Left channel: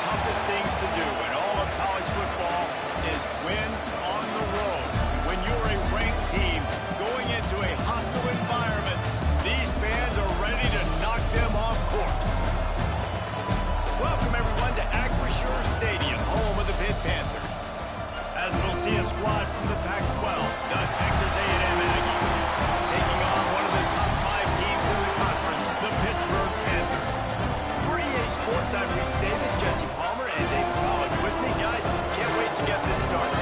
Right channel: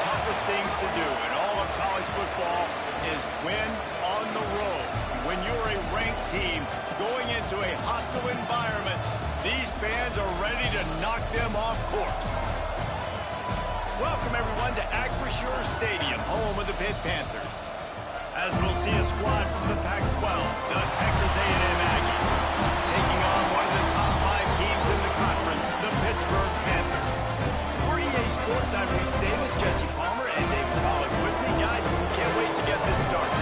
toughest things to do in all of college football is win on the road. When you're a ranked team going into a hostile environment, these fans are ready to knock them off course. Welcome, everyone, to Acrisure Stadium, home of the Pitt Panthers. As we'll see a squad from the Pac-12, the Texas A&M Aggies, taking on one of the top 5 teams in the conference, the Pittsburgh Panthers. For EA Sports, I'm Reese Davis, Jesse Palmer, and David Pollack with me. Guys, can't wait to get this started.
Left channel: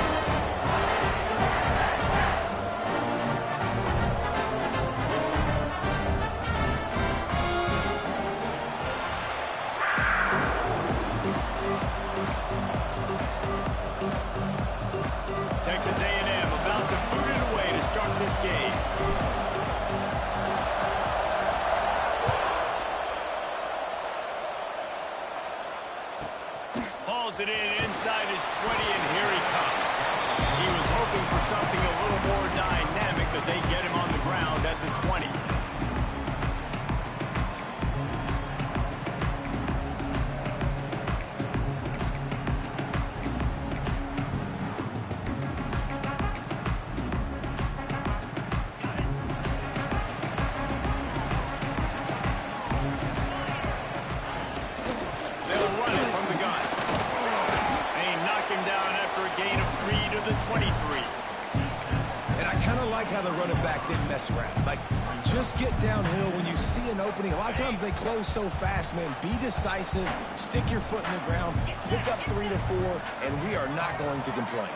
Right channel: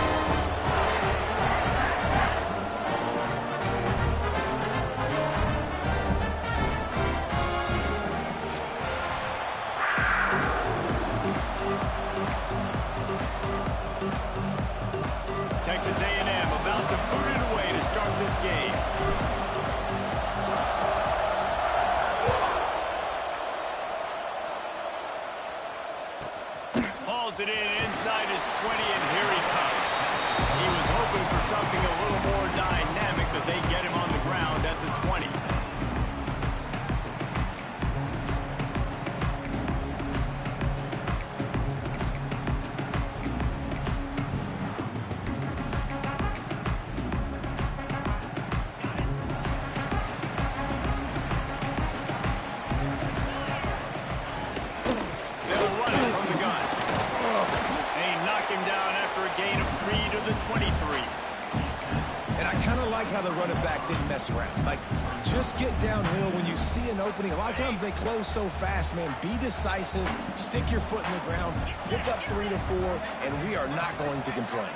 Texas A&M about to boot it away to start this game. Hauls it in inside his 20, and here he comes. He was hoping for something a little more dynamic, but they get him on the ground at the 20. Him down after a gain of 3 to the 23. And I kind of like how the running back didn't mess around. Like, just get downhill when you see an opening. A lot of times they close so fast, man. Be decisive, stick your foot in the ground, pick up 3 to 4, and we are not going to complain.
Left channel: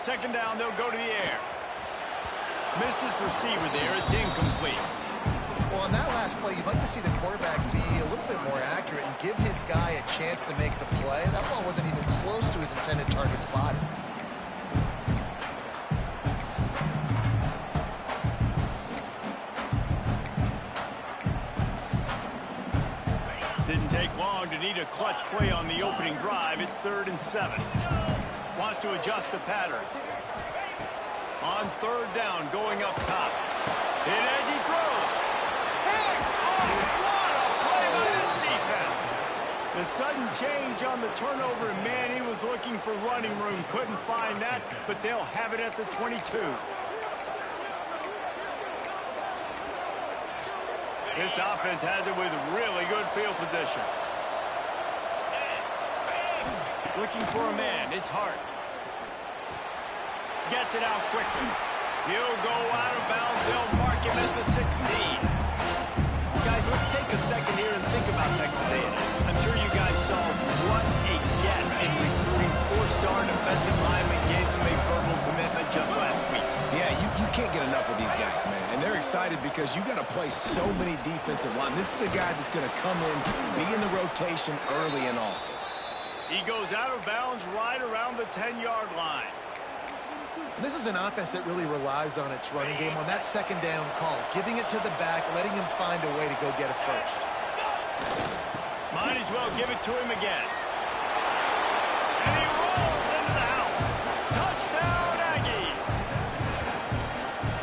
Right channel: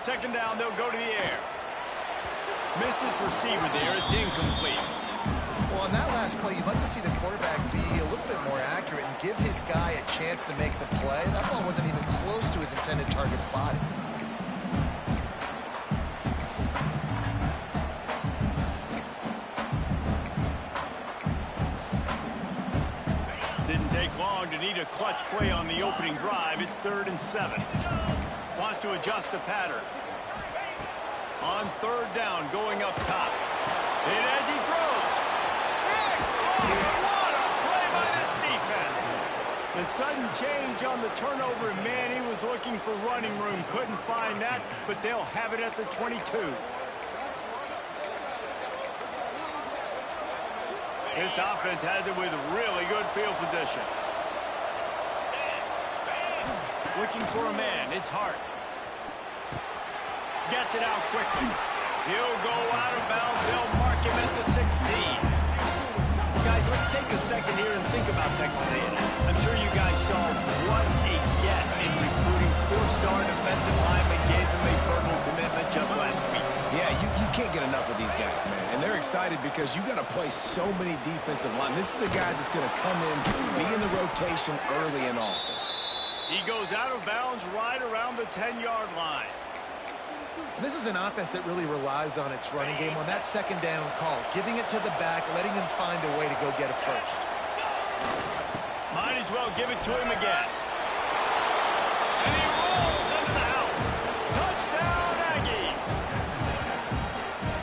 Second down, they'll go to the air. Missed his receiver there. It's incomplete. Well, on that last play, you'd like to see the quarterback be a little bit more accurate and give his guy a chance to make the play. That ball wasn't even close to his intended target's body. Didn't take long to need a clutch play on the opening drive. It's 3rd and 7. Wants to adjust the pattern. On 3rd down, going up top. Hit as he throws. What a play by this defense. The sudden change on the turnover, and man, he was looking for running room. Couldn't find that, but they'll have it at the 22. This offense has it with really good field position. Looking for a man. It's Hart. Gets it out quickly. He'll go out of bounds. They'll mark him at the 16. Guys, let's take a second here and think about Texas A&M. I'm sure you guys saw what a get in recruiting 4-star defensive linemen, gave them a verbal commitment just last week. Yeah, you can't get enough of these guys, man. And they're excited because you got to play so many defensive line. This is the guy that's going to come in, be in the rotation early and often. He goes out of bounds right around the 10-yard line. And this is an offense that really relies on its running game on that second down call, giving it to the back, letting him find a way to go get a first. Might as well give it to him again. And he rolls into the house. Touchdown, Aggies.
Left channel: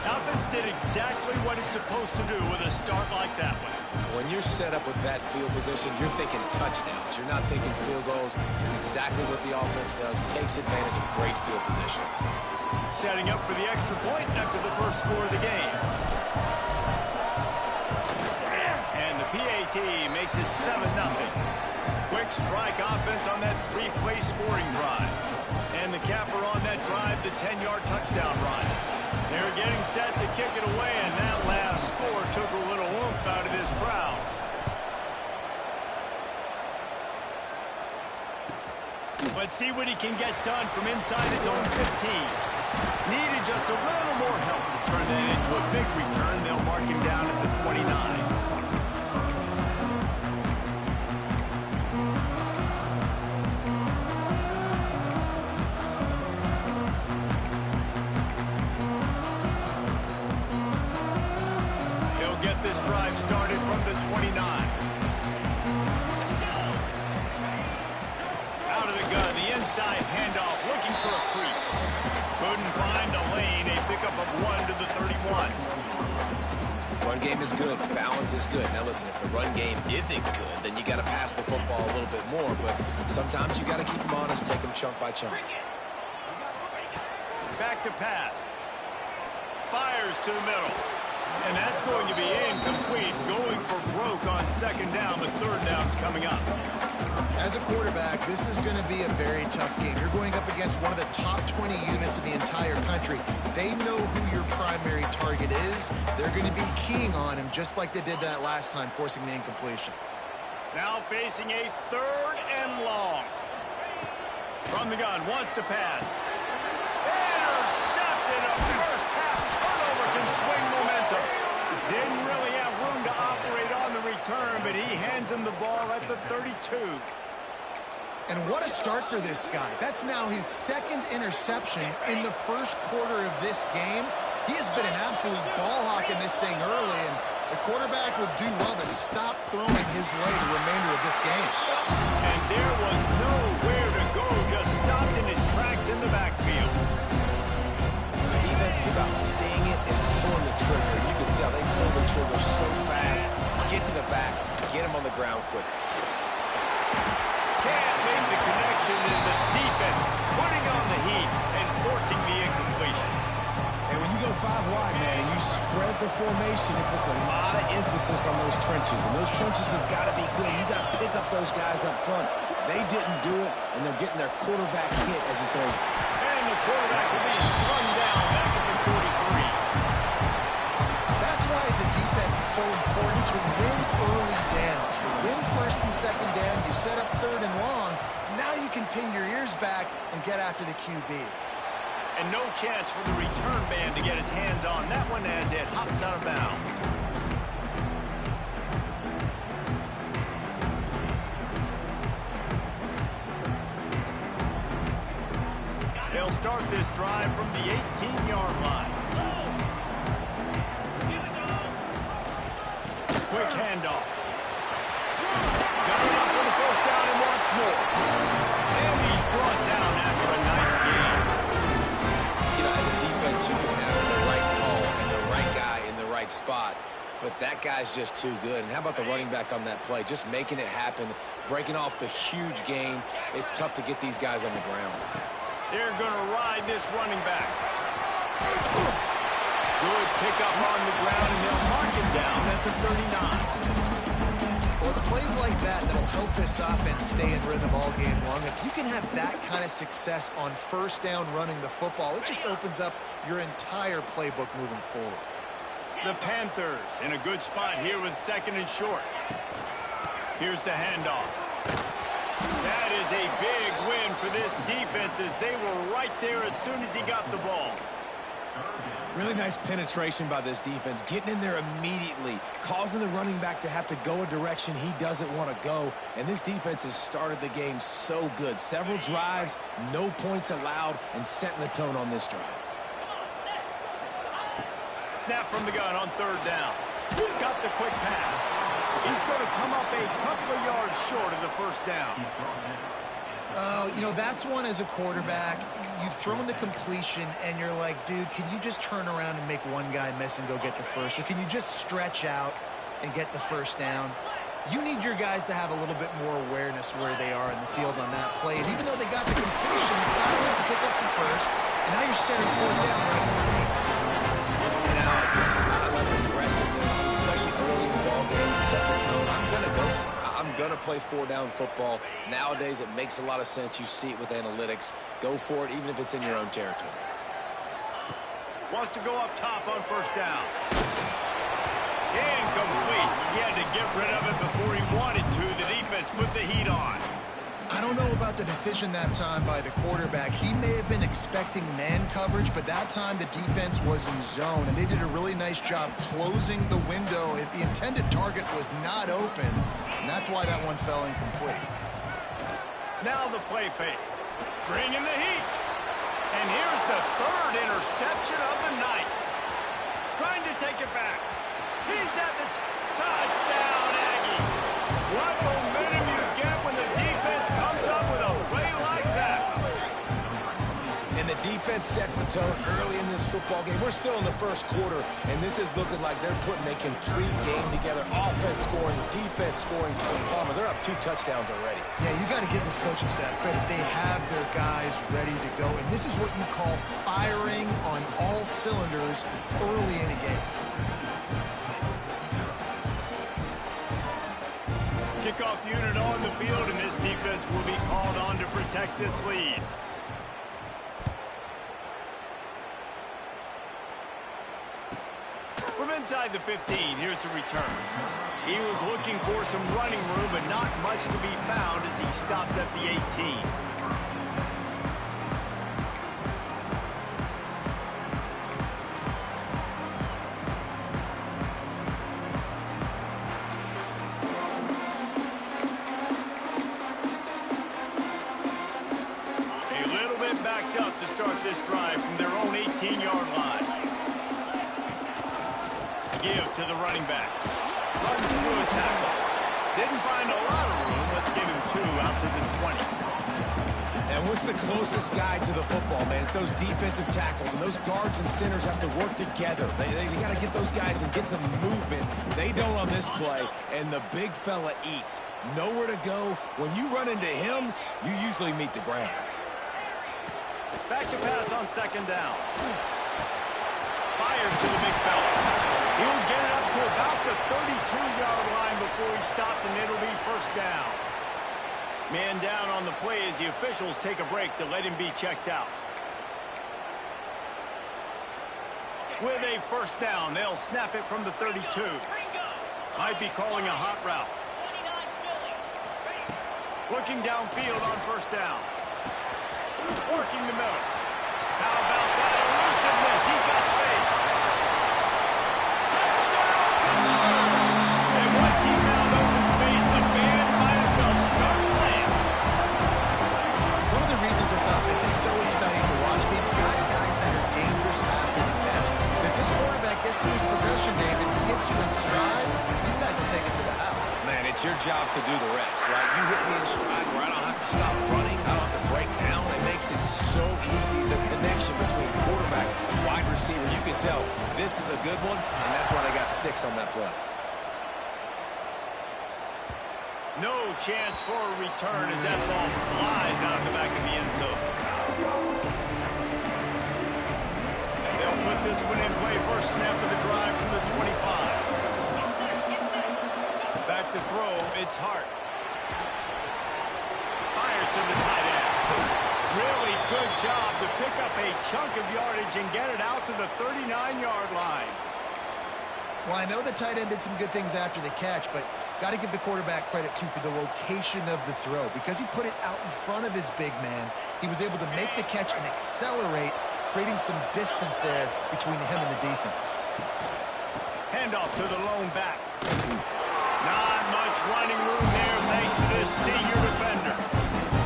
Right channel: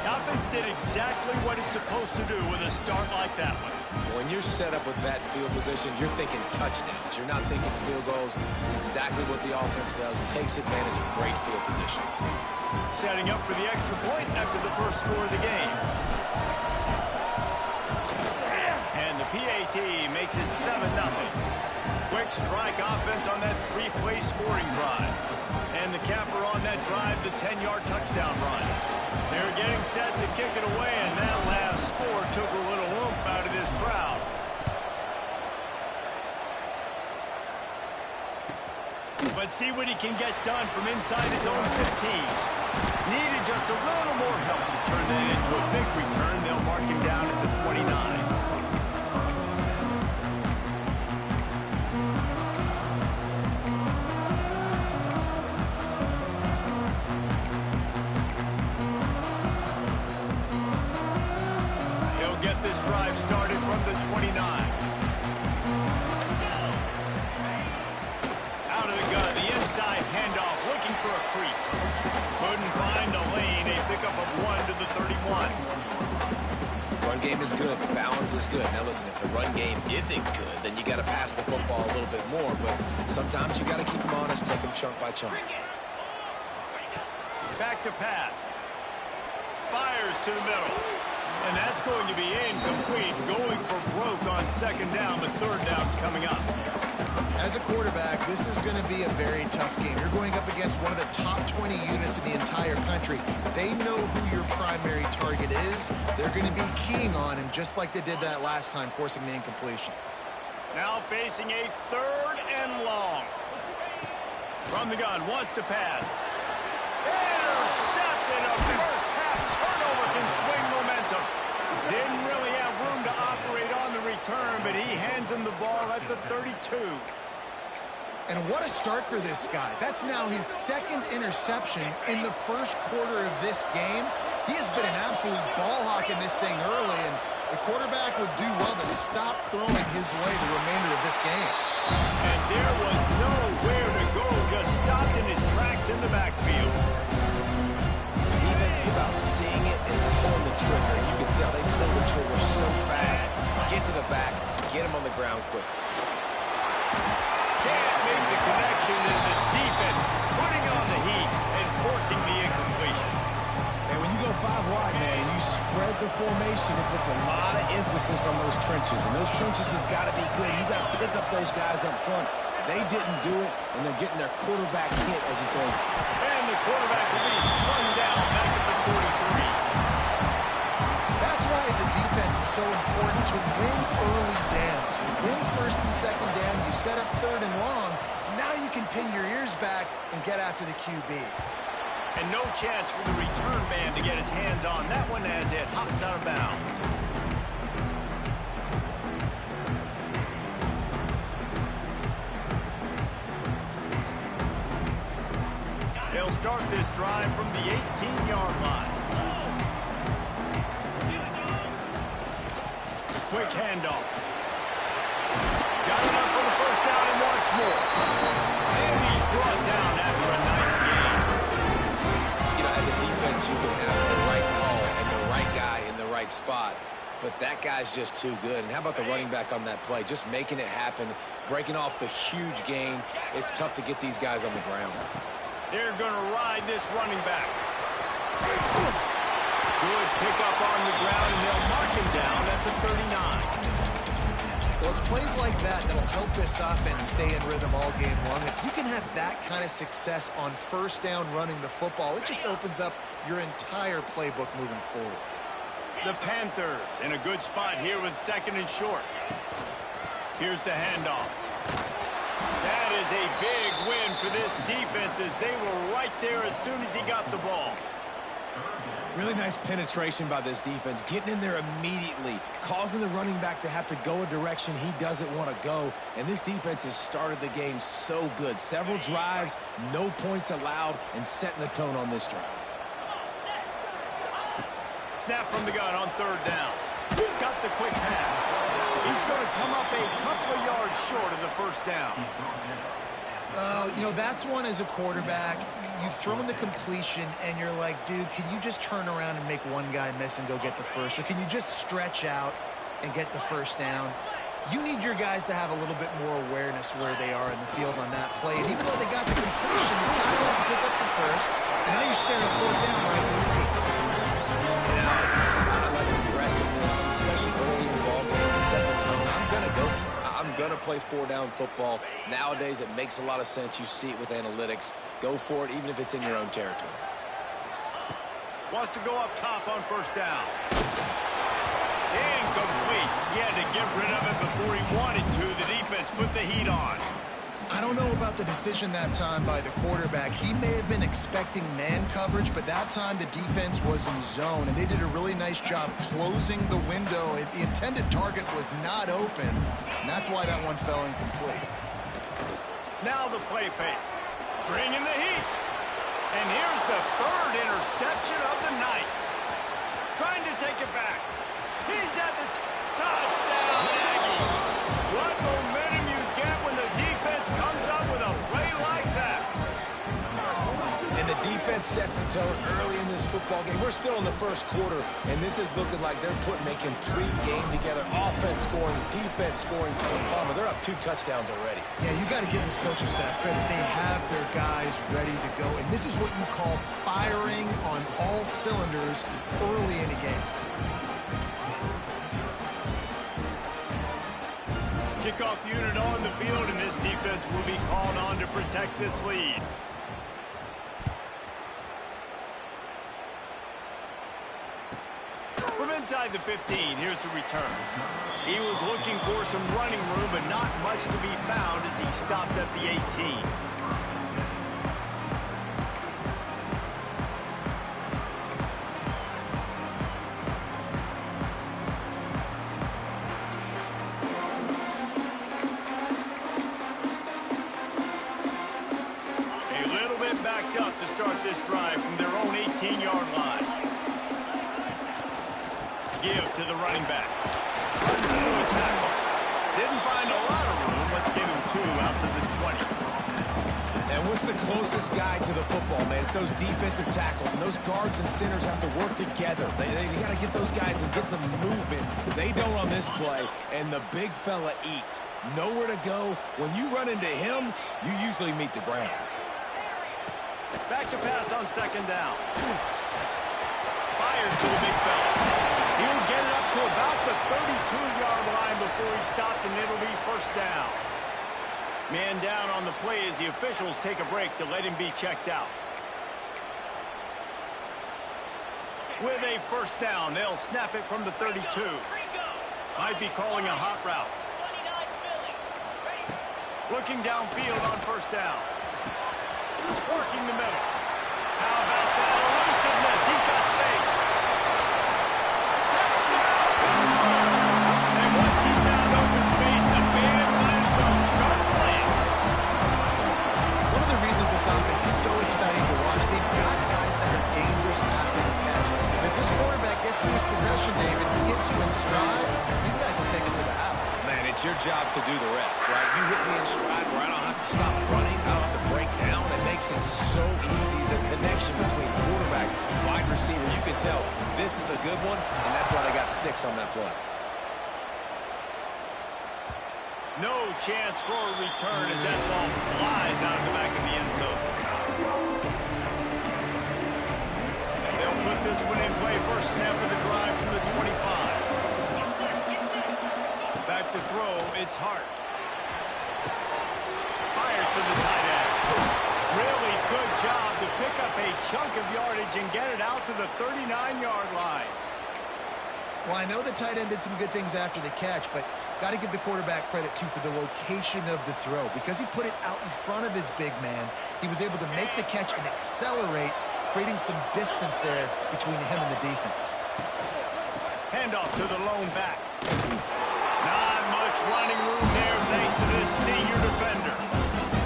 Offense did exactly what it's supposed to do with a start like that one. When you're set up with that field position, you're thinking touchdowns. You're not thinking field goals. It's exactly what the offense does. Takes advantage of great field position. Setting up for the extra point after the first score of the game. And the PAT makes it 7-0. Quick strike offense on that 3-play scoring drive. And the capper on that drive, the 10-yard touchdown run. They're getting set to kick it away, and that last score took a little oomph out of this crowd. Let's see what he can get done from inside his own 15. Needed just a little more help to turn that into a big return. They'll mark him down at the 29. He'll get this drive started from the 29. Out of the gun, the inside handoff, looking for a crease. Couldn't find a lane, a pickup of 1 to the 31. Run game is good. The balance is good. Now, listen, if the run game isn't good, then you got to pass the football a little bit more. But sometimes you got to keep them honest, take them chunk by chunk. Back to pass. Fires to the middle. And that's going to be incomplete. Going for broke on second down, but third down's coming up. As a quarterback, this is going to be a very tough game. You're going up against one of the top 20 units in the entire country. They know who your primary target is. They're going to be keying on him just like they did that last time, forcing the incompletion. Now facing a third and long. From the gun, wants to pass. Intercepted. A first half turnover can swing momentum. Didn't really have room to operate on the return, but he hands him the ball at the 32. And what a start for this guy. That's now his second interception in the first quarter of this game. He has been an absolute ball hawk in this thing early, and the quarterback would do well to stop throwing his way the remainder of this game. And there was nowhere to go, just stopped in his tracks in the backfield. The defense is about seeing it and pulling the trigger. You can tell they pull the trigger so fast, get to the back, get him on the ground quickly. Can't make the connection in the defense, putting on the heat and forcing the incompletion. And when you go 5 wide, man, and you spread the formation, it puts a lot of emphasis on those trenches. And those trenches have got to be good. You got to pick up those guys up front. They didn't do it, and they're getting their quarterback hit as he throws. And the quarterback will be slung down back at the 43. That's why, as a defense, it's so important to win early downs. You win first and second down, you set up third and long. Now you can pin your ears back and get after the QB. And no chance for the return man to get his hands on that one as it hops out of bounds. They'll start this drive from the 18-yard line. Quick handoff. Got enough for the first down and wants more. And he's brought down after a nice game. You know, as a defense, you can have the right call and the right guy in the right spot, but that guy's just too good. And how about the running back on that play? Just making it happen, breaking off the huge gain. It's tough to get these guys on the ground. They're going to ride this running back. Good pickup on the ground, and they'll mark him down at the 39. Well, it's plays like that that'll help this offense stay in rhythm all game long. If you can have that kind of success on first down running the football, it just opens up your entire playbook moving forward. The Panthers in a good spot here with second and short. Here's the handoff. That is a big win for this defense as they were right there as soon as he got the ball. Really nice penetration by this defense, getting in there immediately, causing the running back to have to go a direction he doesn't want to go. And this defense has started the game so good. Several drives, no points allowed, and setting the tone on this drive. Snap from the gun on third down. Got the quick pass. He's going to come up a couple of yards short of the first down. You know, that's one as a quarterback. You've thrown the completion, and you're like, dude, can you just turn around and make one guy miss and go get the first? Or can you just stretch out and get the first down? You need your guys to have a little bit more awareness where they are in the field on that play. And even though they got the completion, it's not enough to pick up the first. And now you're staring fourth down right in the face. And I like aggressiveness, especially early in ball games, set the tone. I'm going to go for it. I'm going to play four-down football. Nowadays, it makes a lot of sense. You see it with analytics. Go for it, even if it's in your own territory. Wants to go up top on first down. Incomplete. He had to get rid of it before he wanted to. The defense put the heat on. I don't know about the decision that time by the quarterback. He may have been expecting man coverage, but that time the defense was in zone, and they did a really nice job closing the window. The intended target was not open, and that's why that one fell incomplete. Now the play fake. Bring in the heat. And here's the third interception of the night. Trying to take it back. He's at the touchdown, Aggie. What momentum you get when the defense comes up with a play like that. And the defense sets the tone early in this football game. We're still in the first quarter, and this is looking like they're putting a complete game together. Offense scoring, defense scoring. Palmer, they're up 2 touchdowns already. Yeah, you got to give this coaching staff credit. They have their guys ready to go, and this is what you call firing on all cylinders early in a game. Kickoff unit on the field, and this defense will be called on to protect this lead. From inside the 15, here's the return. He was looking for some running room, but not much to be found as he stopped at the 18. Backed up to start this drive from their own 18-yard line. Give to the running back. Runs through a tackle. Didn't find a lot of room. Let's give him 2 out to the 20. And what's the closest guy to the football, man? It's those defensive tackles, and those guards and centers have to work together. They got to get those guys and get some movement. They don't on this play, and the big fella eats. Nowhere to go. When you run into him, you usually meet the ground. Back to pass on second down. Fires to the big fella. He'll get it up to about the 32-yard line before he stopped, and it'll be first down. Man down on the play as the officials take a break to let him be checked out. With a first down, they'll snap it from the 32. Might be calling a hot route. Looking downfield on first down. Working the middle. How about that elusiveness? He's got space. Touchdown, Pittsburgh! And once he found open space, the band might as well start playing. One of the reasons this offense is so exciting to watch, they've got guys that are dangerous after the catch. And if this quarterback gets to his progression, David, hits you in stride, these guys will take it to the house. Man, it's your job to do the rest, right? You hit me in stride where I don't have to stop running. I don't have to break down. It makes it so easy. The connection between quarterback, wide receiver, you can tell this is a good one, and that's why they got 6 on that play. No chance for a return as that ball flies out of the back of the end zone. They'll put this one in play. First snap of the drive from the 25. Back to throw, it's Hart. Fires to the tight end. Really good job to pick up a chunk of yardage and get it out to the 39-yard line. Well, I know the tight end did some good things after the catch, but got to give the quarterback credit, too, for the location of the throw. Because he put it out in front of his big man, he was able to make the catch and accelerate, creating some distance there between him and the defense. Handoff to the lone back. Not much running room there thanks to this senior defender.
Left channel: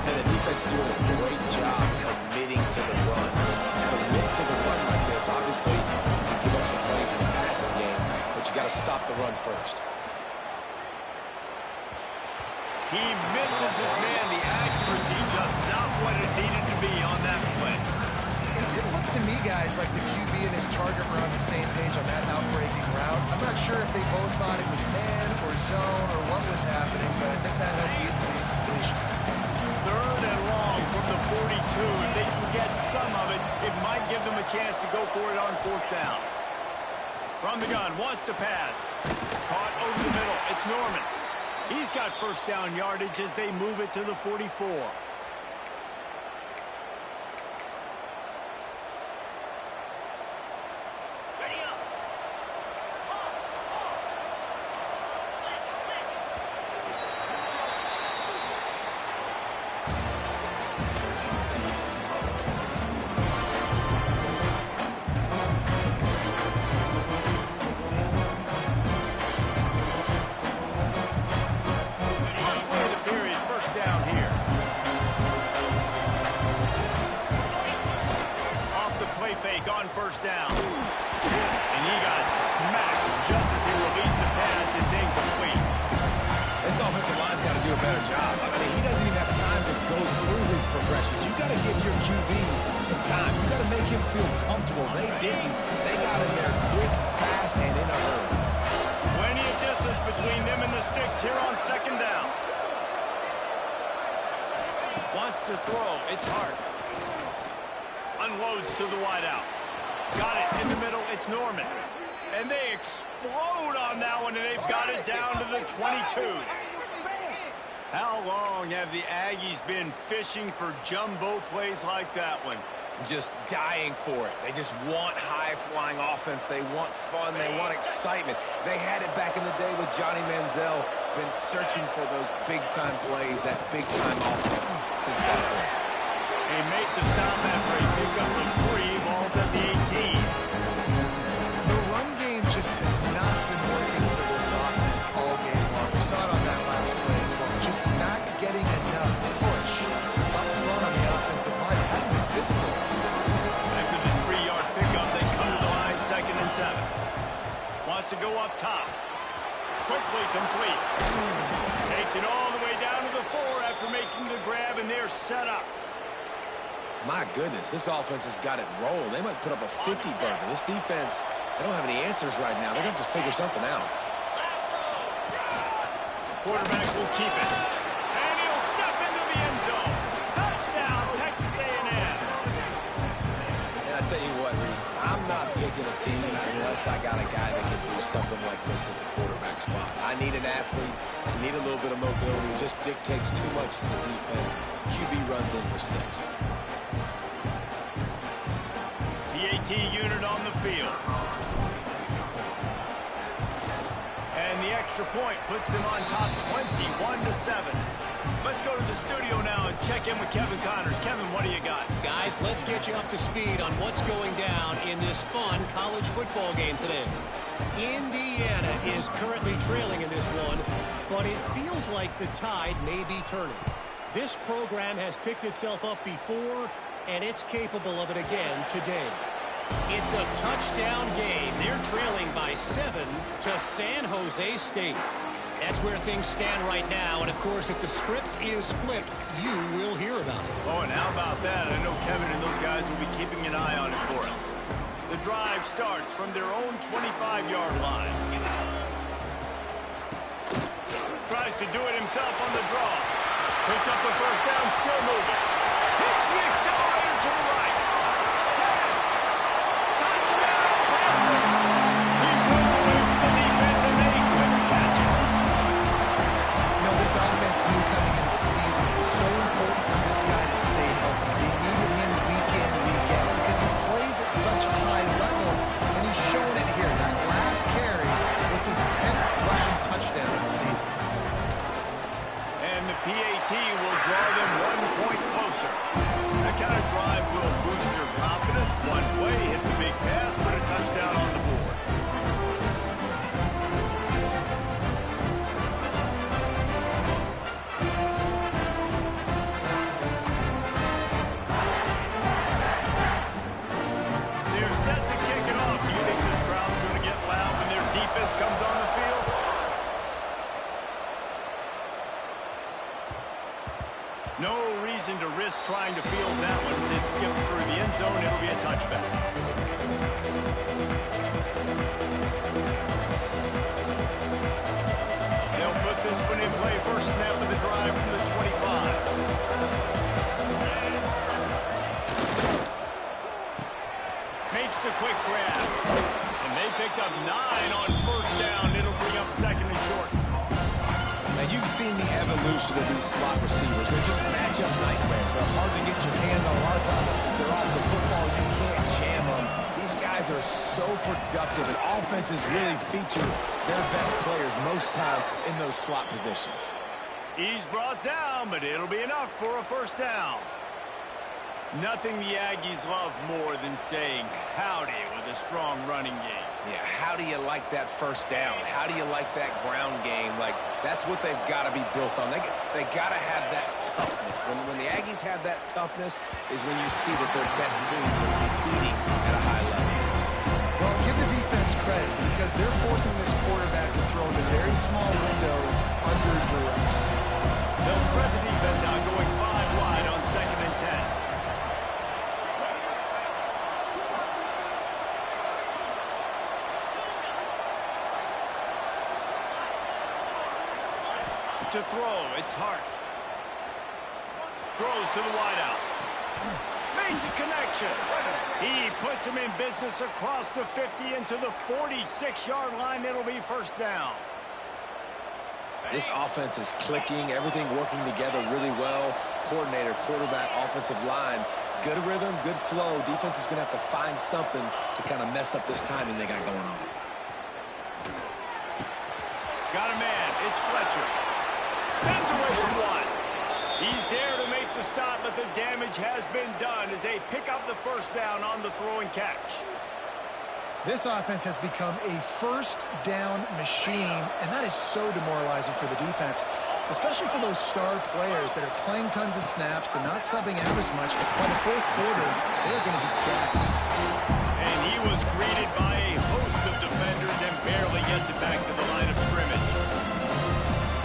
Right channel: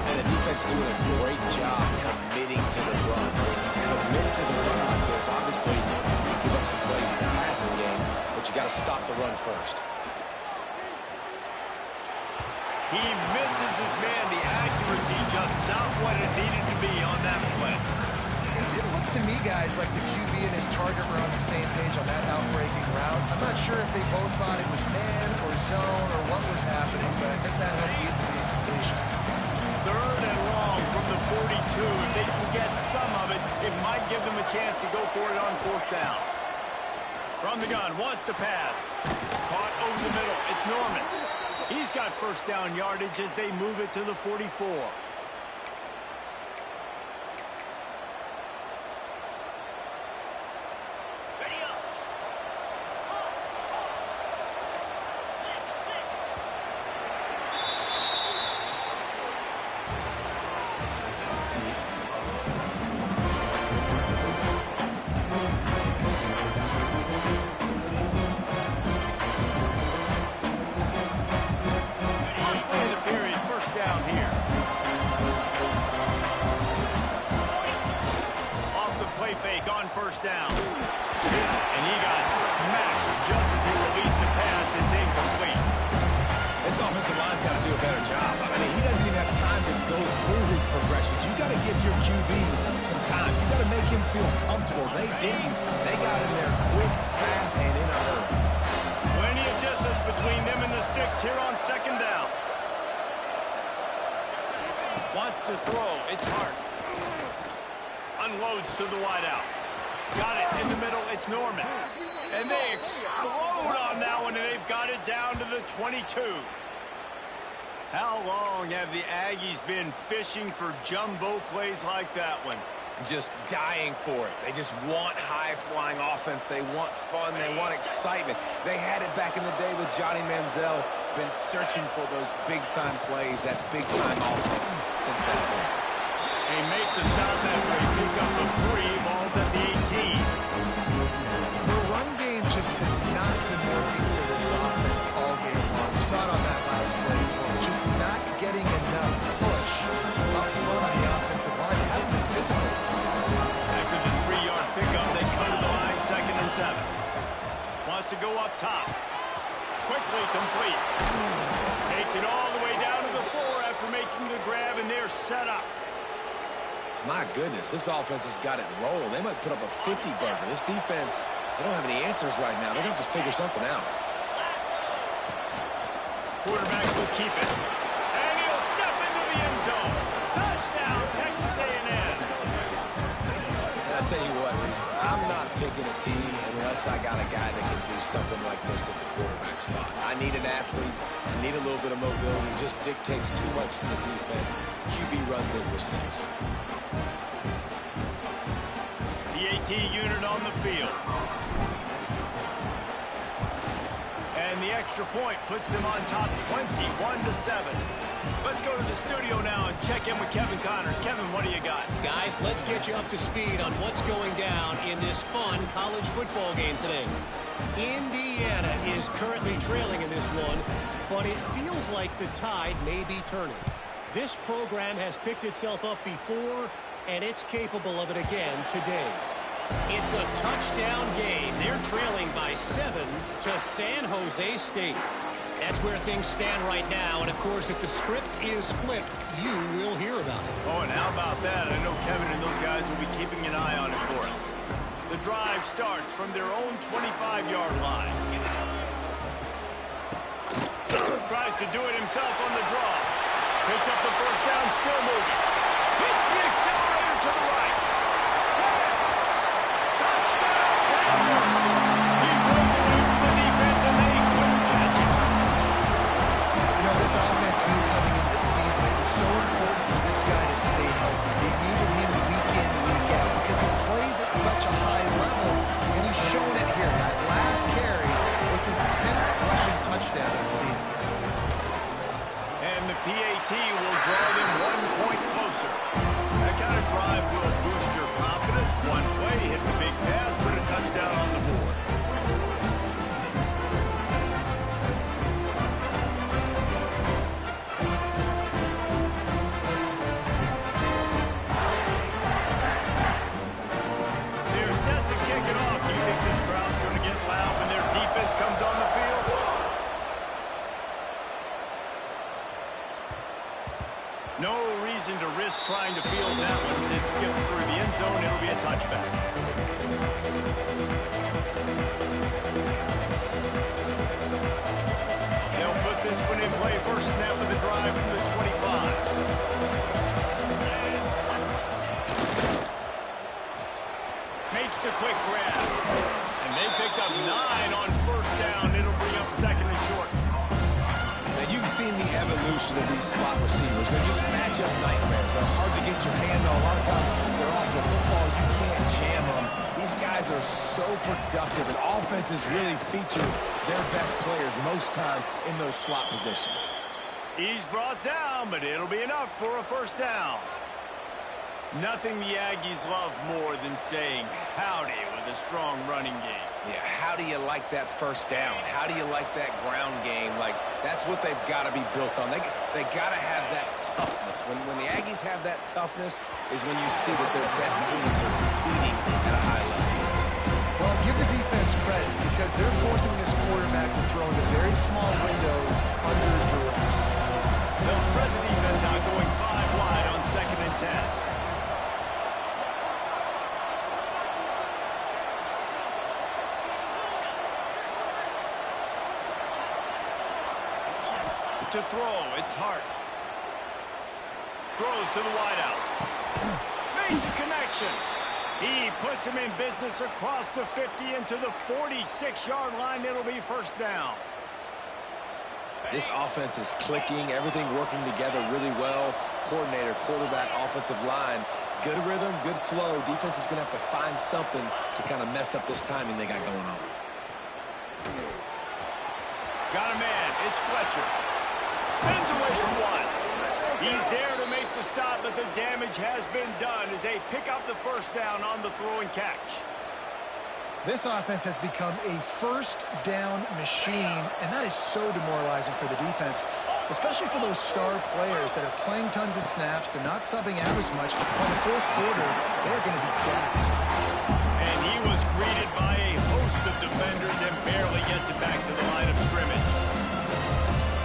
And the defense doing a great job committing to the run. When you commit to the run like this, obviously you give up some plays in the passing game, but you got to stop the run first. He misses his man. The accuracy just not what it needed to be on that play. It didn't look to me, guys, like the QB and his target were on the same page on that outbreaking route. I'm not sure if they both thought it was man or zone or what was happening, but I think that helped lead to the incompletion. 3rd and long from the 42. If they can get some of it, it might give them a chance to go for it on 4th down. From the gun, wants to pass. Caught over the middle. It's Norman. He's got first down yardage as they move it to the 44. Down here. Off the play fake on first down. And he got smacked just as he released the pass. It's incomplete. This offensive line's got to do a better job. I mean, he doesn't even have time to go through his progressions. You got to give your QB some time. You got to make him feel comfortable. They didn't. They got in there quick, fast, and in a hurry. Plenty of distance between them and the sticks here on second down. Wants to throw. It's Hart. Unloads to the wideout. Got it in the middle. It's Norman. And they explode on that one, and they've got it down to the 22. How long have the Aggies been fishing for jumbo plays like that one? Just dying for it. They just want high-flying offense. They want fun. They want excitement. They had it back in the day with Johnny Manziel. Been searching for those big-time plays, that big-time offense since that point. They make the stop after a pickup of 3. Ball's at the 18. The run game just has not been working for this offense all game long. We saw it on that last play as well. Just not getting enough push up front on the offensive line. They haven't been physical. After the 3-yard pickup, they come to the line, 2nd and 7. Wants to go up top. Quickly complete. Takes it all the way down to the 4 after making the grab, and they're set up. My goodness, this offense has got it rolling. They might put up a 50-burger. This defense, they don't have any answers right now. They're going to have to figure something out. Quarterback will keep it. And he'll step into the end zone. Touchdown, Texas A&M. And I tell you what, Reese, I'm not picking a team unless I got a guy that can do something like this at the quarterback spot. I need an athlete. I need a little bit of mobility. It just dictates too much to the defense. QB runs in for 6. PAT unit on the field. And the extra point puts them on top 21-7. Let's go to the studio now and check in with Kevin Connors. Kevin, what do you got? Guys, let's get you up to speed on what's going down in this fun college football game today. Indiana is currently trailing in this one, but it feels like the tide may be turning. This program has picked itself up before, and it's capable of it again today. It's a touchdown game. They're trailing by 7 to San Jose State. That's where things stand right now, and of course, if the script is flipped, you will hear about it. Oh, and how about that? I know Kevin and those guys will be keeping an eye on it for us. The drive starts from their own 25-yard line. Tries to do it himself on the draw. Picks up the first down, still moving. Hits the accelerator to the right. 10. Touchdown, Panther. He broke away from the defense, and they couldn't catch it. You know, this offense knew coming into the season it was so important for this guy to stay healthy. They needed him week in, week out because he plays at such a high level, and he's shown it here. That last carry was his 10th rushing touchdown of the season. And the PAT will draw them 1 point closer. That kind of drive will boost your confidence. One play, hit the big pass, put a touchdown on the board. They're set to kick it off. Do you think this crowd's going to get loud when their defense comes on the field? No reason to risk trying to field that one as it skips through the end zone. It'll be a touchback. They'll put this one in play. First snap of the drive from the 25. Makes the quick grab. And they picked up 9 on first down. It'll bring up 2nd and short. Now, you've seen the evolution of these slot receivers. They're just matchup nightmares. They're hard to get your hand on. A lot of times, they're off the football. You can't jam them. These guys are so productive, and offenses really feature their best players most time in those slot positions. He's brought down, but it'll be enough for a first down. Nothing the Aggies love more than saying howdy with a strong running game. Yeah, how do you like that first down? How do you like that ground game? Like, that's what they've got to be built on. They got to have that toughness. When the Aggies have that toughness is when you see that their best teams are competing at a high level. Well, give the defense credit because they're forcing this quarterback to throw into very small windows under duress. They'll spread the defense out going 5 wide on 2nd and 10. To throw, it's Hart. Throws to the wideout. Makes a connection. He puts him in business across the 50 into the 46-yard line. It'll be first down. This offense is clicking, everything working together really well. Coordinator, quarterback, offensive line, good rhythm, good flow. Defense is going to have to find something to kind of mess up this timing they got going on. Got a man. It's Fletcher. Spins away from one. He's there to make the stop, but the damage has been done as they pick up the first down on the throw and catch. This offense has become a first down machine, and that is so demoralizing for the defense, especially for those star players that are playing tons of snaps. They're not subbing out as much. By the fourth quarter, they're going to be gassed. And he was greeted by a host of defenders and barely gets it back to the line of scrimmage.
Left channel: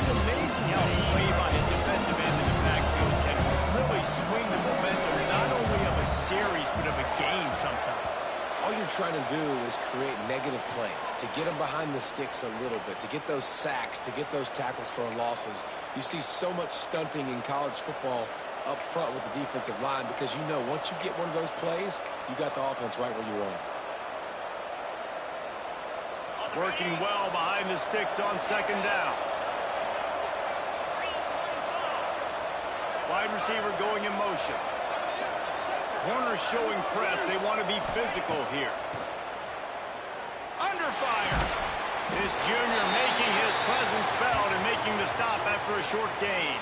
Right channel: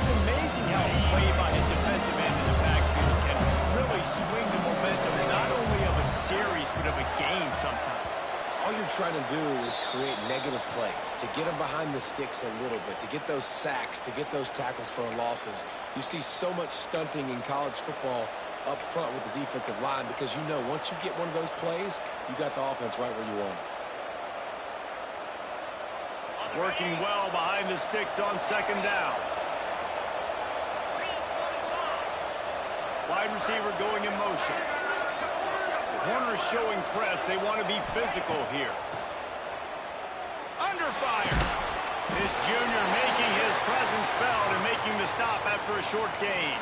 It's amazing how a play by a defensive end in the backfield can really swing the momentum not only of a series but of a game sometimes. All you're trying to do is create negative plays, to get them behind the sticks a little bit, to get those sacks, to get those tackles for losses. You see so much stunting in college football up front with the defensive line because you know once you get one of those plays, you got the offense right where you want it. Working well behind the sticks on 2nd down. Wide receiver going in motion. Corner showing press. They want to be physical here. Under fire. This junior making his presence felt and making the stop after a short gain.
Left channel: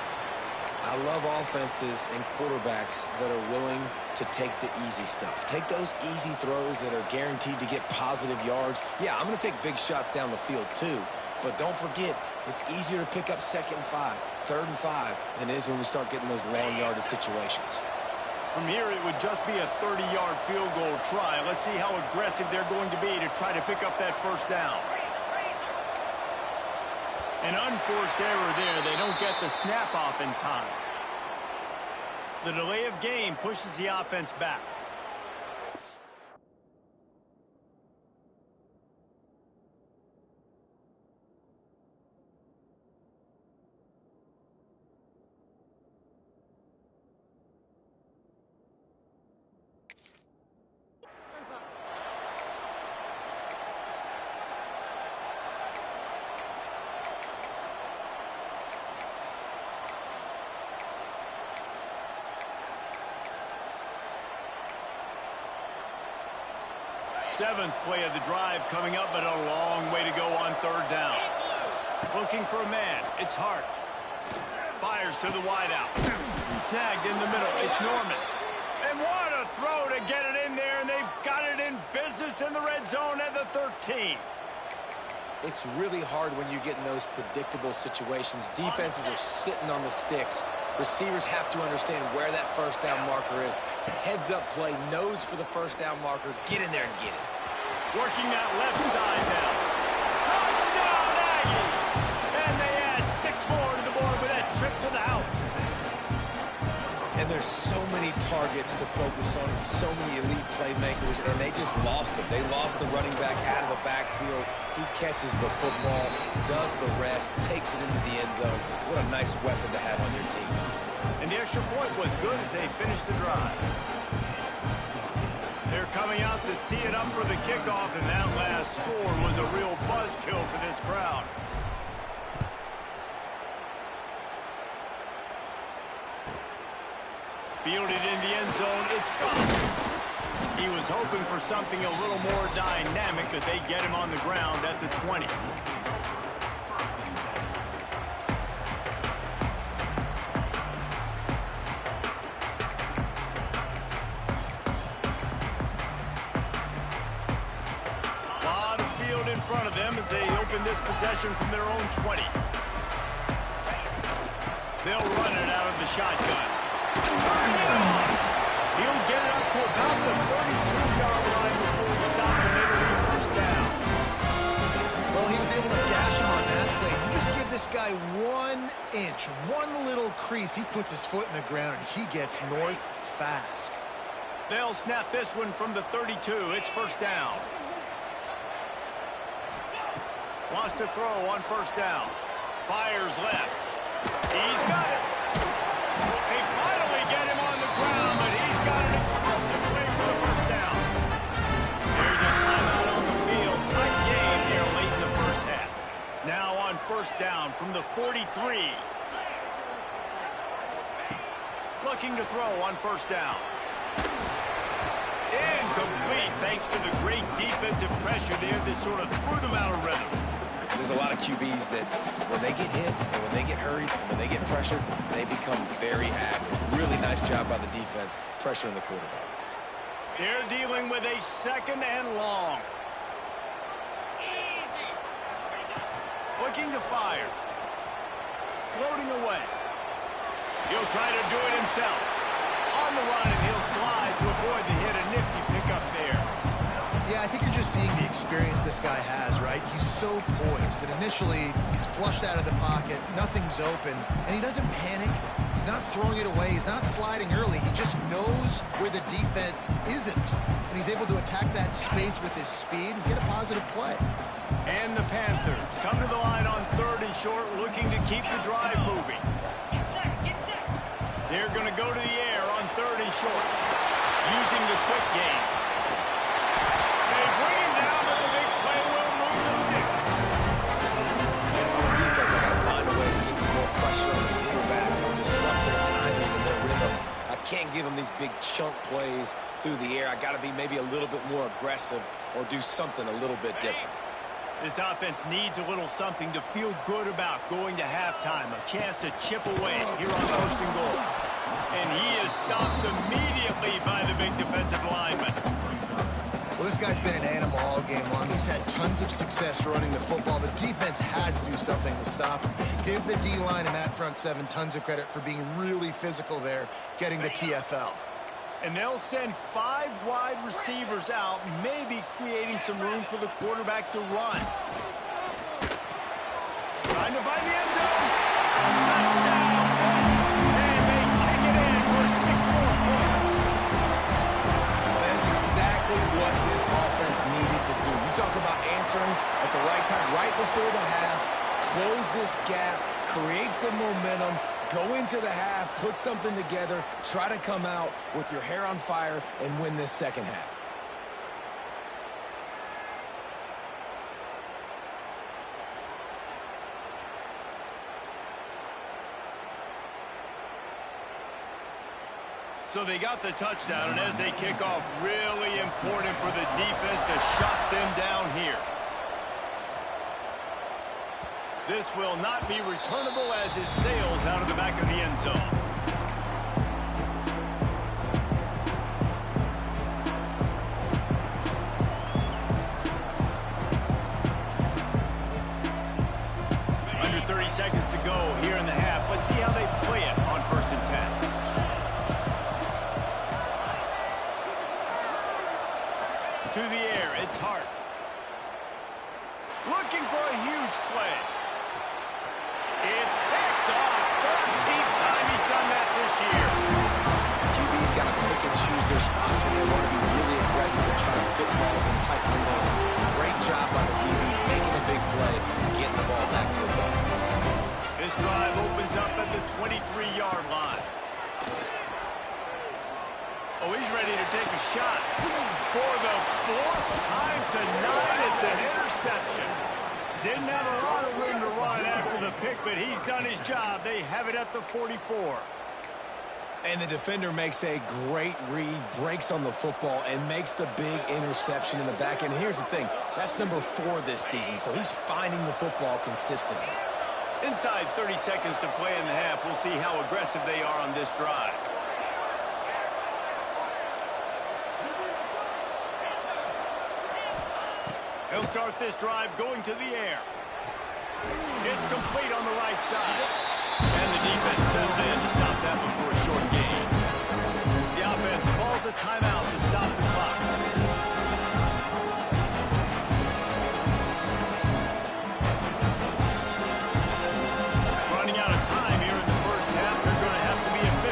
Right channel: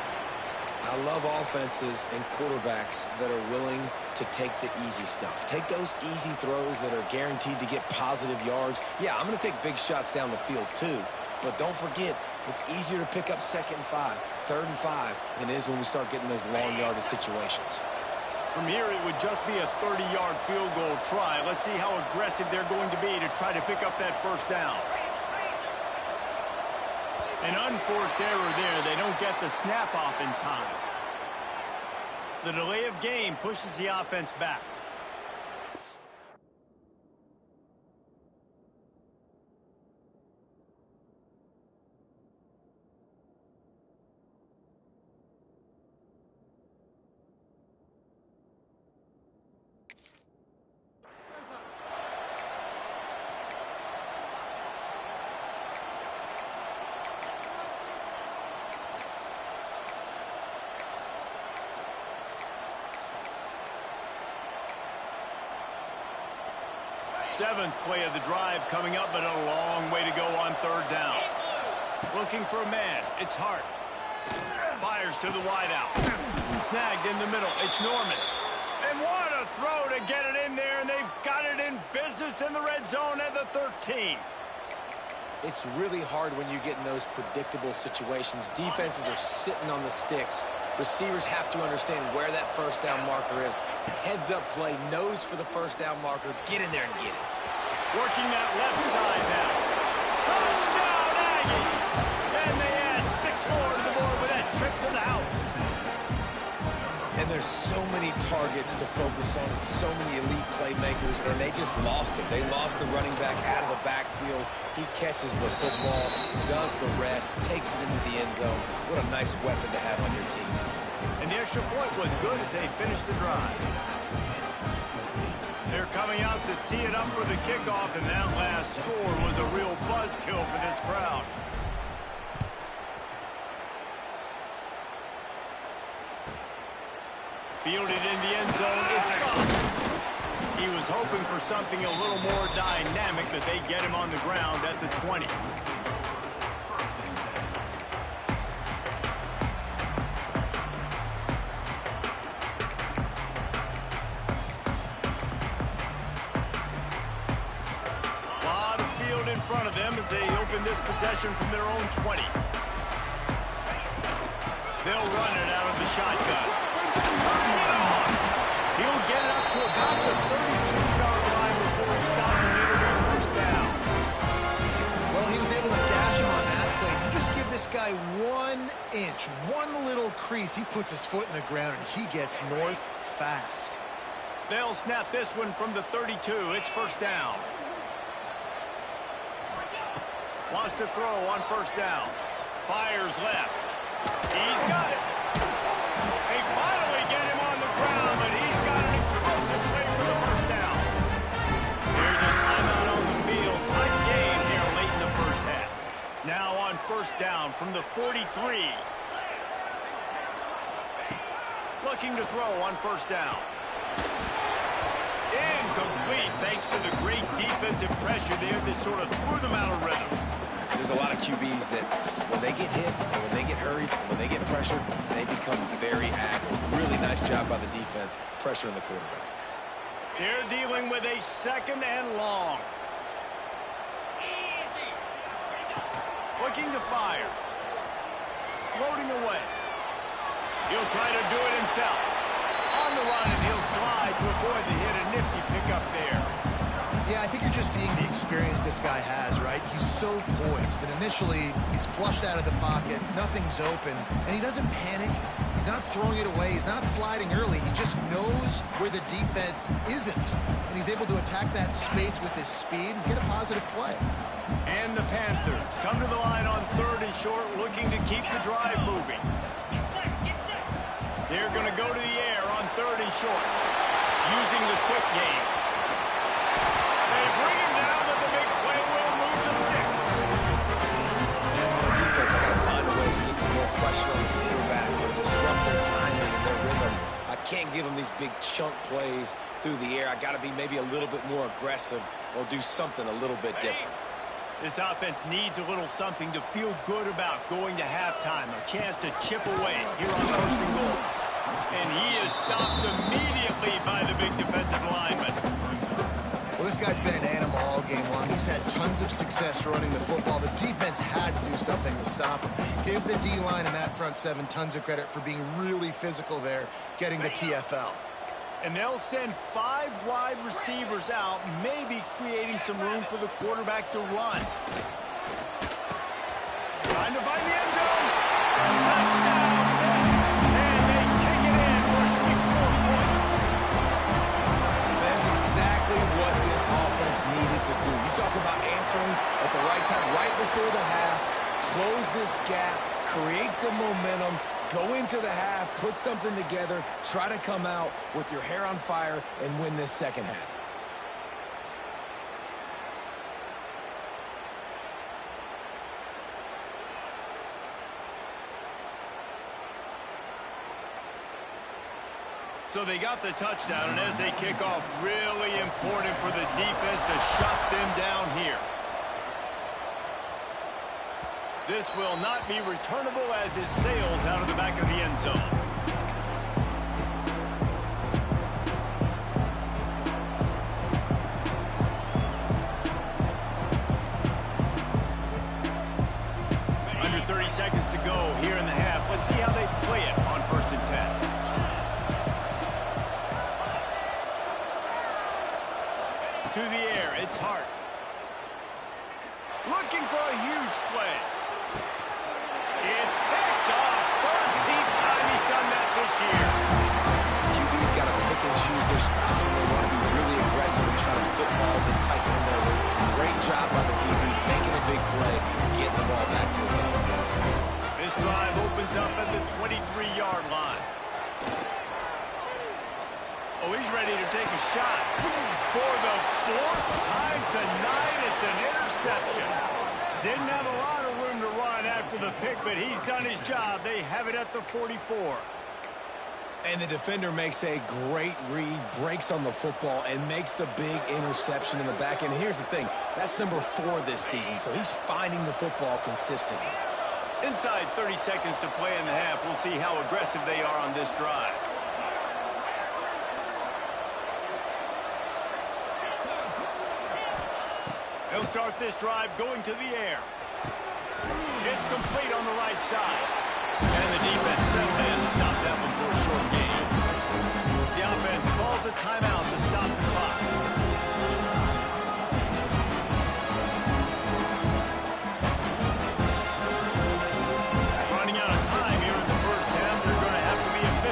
I love offenses and quarterbacks that are willing to take the easy stuff. Take those easy throws that are guaranteed to get positive yards. Yeah, I'm going to take big shots down the field too. But don't forget, it's easier to pick up 2nd and 5, 3rd and 5 than it is when we start getting those long yardage situations. From here, it would just be a 30-yard field goal try. Let's see how aggressive they're going to be to try to pick up that first down. An unforced error there. They don't get the snap off in time. The delay of game pushes the offense back. Seventh play of the drive coming up, but a long way to go on 3rd down. Looking for a man. It's Hart. Fires to the wideout. Snagged in the middle. It's Norman. And what a throw to get it in there, and they've got it in business in the red zone at the 13. It's really hard when you get in those predictable situations. Defenses are sitting on the sticks. Receivers have to understand where that first down marker is. Heads up play, nose for the first down marker. Get in there and get it. Working that left side now. Touchdown, Aggie! And they add 6 more to the board with that trip to the house. And there's so many targets to focus on and so many elite playmakers, and they just lost him. They lost the running back out of the backfield. He catches the football, does the rest, takes it into the end zone. What a nice weapon to have on your team. And the extra point was good as they finished the drive. They're coming out to tee it up for the kickoff, and that last score was a real buzzkill for this crowd. Fielded in the end zone, it's gone. He was hoping for something a little more dynamic, but they get him on the ground at the 20. Lot of field in front of them as they open this possession from their own 20. They'll run it out of the shotgun. Turning it on. He'll get it up to about the 32-yard line before he stopped and it'll be just give this guy 1 inch, one little crease, he puts his foot in the ground and he gets north fast. They'll snap this one from the 32. It's first down. Wants to throw on first down. Fires left. He's got it. They finally get him on the ground, but he's got an explosive play for the first down. There's a timeout on the field. Tight game here late in the first half. Now on first down from the 43. Looking to throw on first down. Incomplete thanks to the great defensive pressure there that sort of threw them out of rhythm. There's a lot of QBs that when they get hit and when they get hurried and when they get pressured, they become very active. Really nice job by the defense pressuring the quarterback. They're dealing with a second and long. Looking to fire. Floating away. He'll try to do it himself. On the run, and he'll slide to avoid the hit. A nifty pickup there. Yeah, I think you're just seeing the experience this guy has, right? He's so poised that initially he's flushed out of the pocket, nothing's open, and he doesn't panic. He's not throwing it away. He's not sliding early. He just knows where the defense isn't, and he's able to attack that space with his speed and get a positive play. And the Panthers come to the line on third and short, looking to keep the drive moving. They're going to go to the air on third and short, using the quick game. They bring him down, but the big play will move the sticks. And on the defense, I got to find a way to get some more pressure on the quarterback or disrupt their timing and their rhythm. I can't give them these big chunk plays through the air. I got to be maybe a little bit more aggressive or do something a little bit different. This offense needs a little something to feel good about going to halftime. A chance to chip away here on first and goal. And he is stopped immediately by the big defensive lineman. Well, this guy's been an animal all game long. He's had tons of success running the football. The defense had to do something to stop him. Give the D-line and that front seven tons of credit for being really physical there, getting the TFL. And they'll send 5 wide receivers out, maybe creating some room for the quarterback to run. Trying to find the end zone. Touchdown, Pitt. And they take it in for 6 more points. That's exactly what this offense needed to do. You talk about answering at the right time, right before the half, close this gap, create some momentum, go into the half, put something together, try to come out with your hair on fire and win this second half. So they got the touchdown, and as they kick off, really important for the defense to shut them down here. This will not be returnable as it sails out of the back of the end zone. Under 30 seconds to go here in the half. Let's see how they play it on 1st and 10. To the air, it's Hart. Looking for a huge play. It's picked off. 13th time he's done that this year. QB's got to pick and choose their spots when they want to be really aggressive and try to fit balls in tight windows. Great job by the DB making a big play, getting the ball back to its offense. This drive opens up at the 23-yard line. Oh, he's ready to take a shot. For the 4th time tonight, it's an interception. Didn't have a lot of room to run after the pick, but he's done his job. They have it at the 44. And the defender makes a great read, breaks on the football, and makes the big interception in the back end. And here's the thing, that's number 4 this season, so he's finding the football consistently. Inside 30 seconds to play in the half. We'll see how aggressive they are on this drive. They'll start this drive going to the air. It's complete on the right side. And the defense settled in to stop that before a short gain. The offense calls a timeout to stop the clock.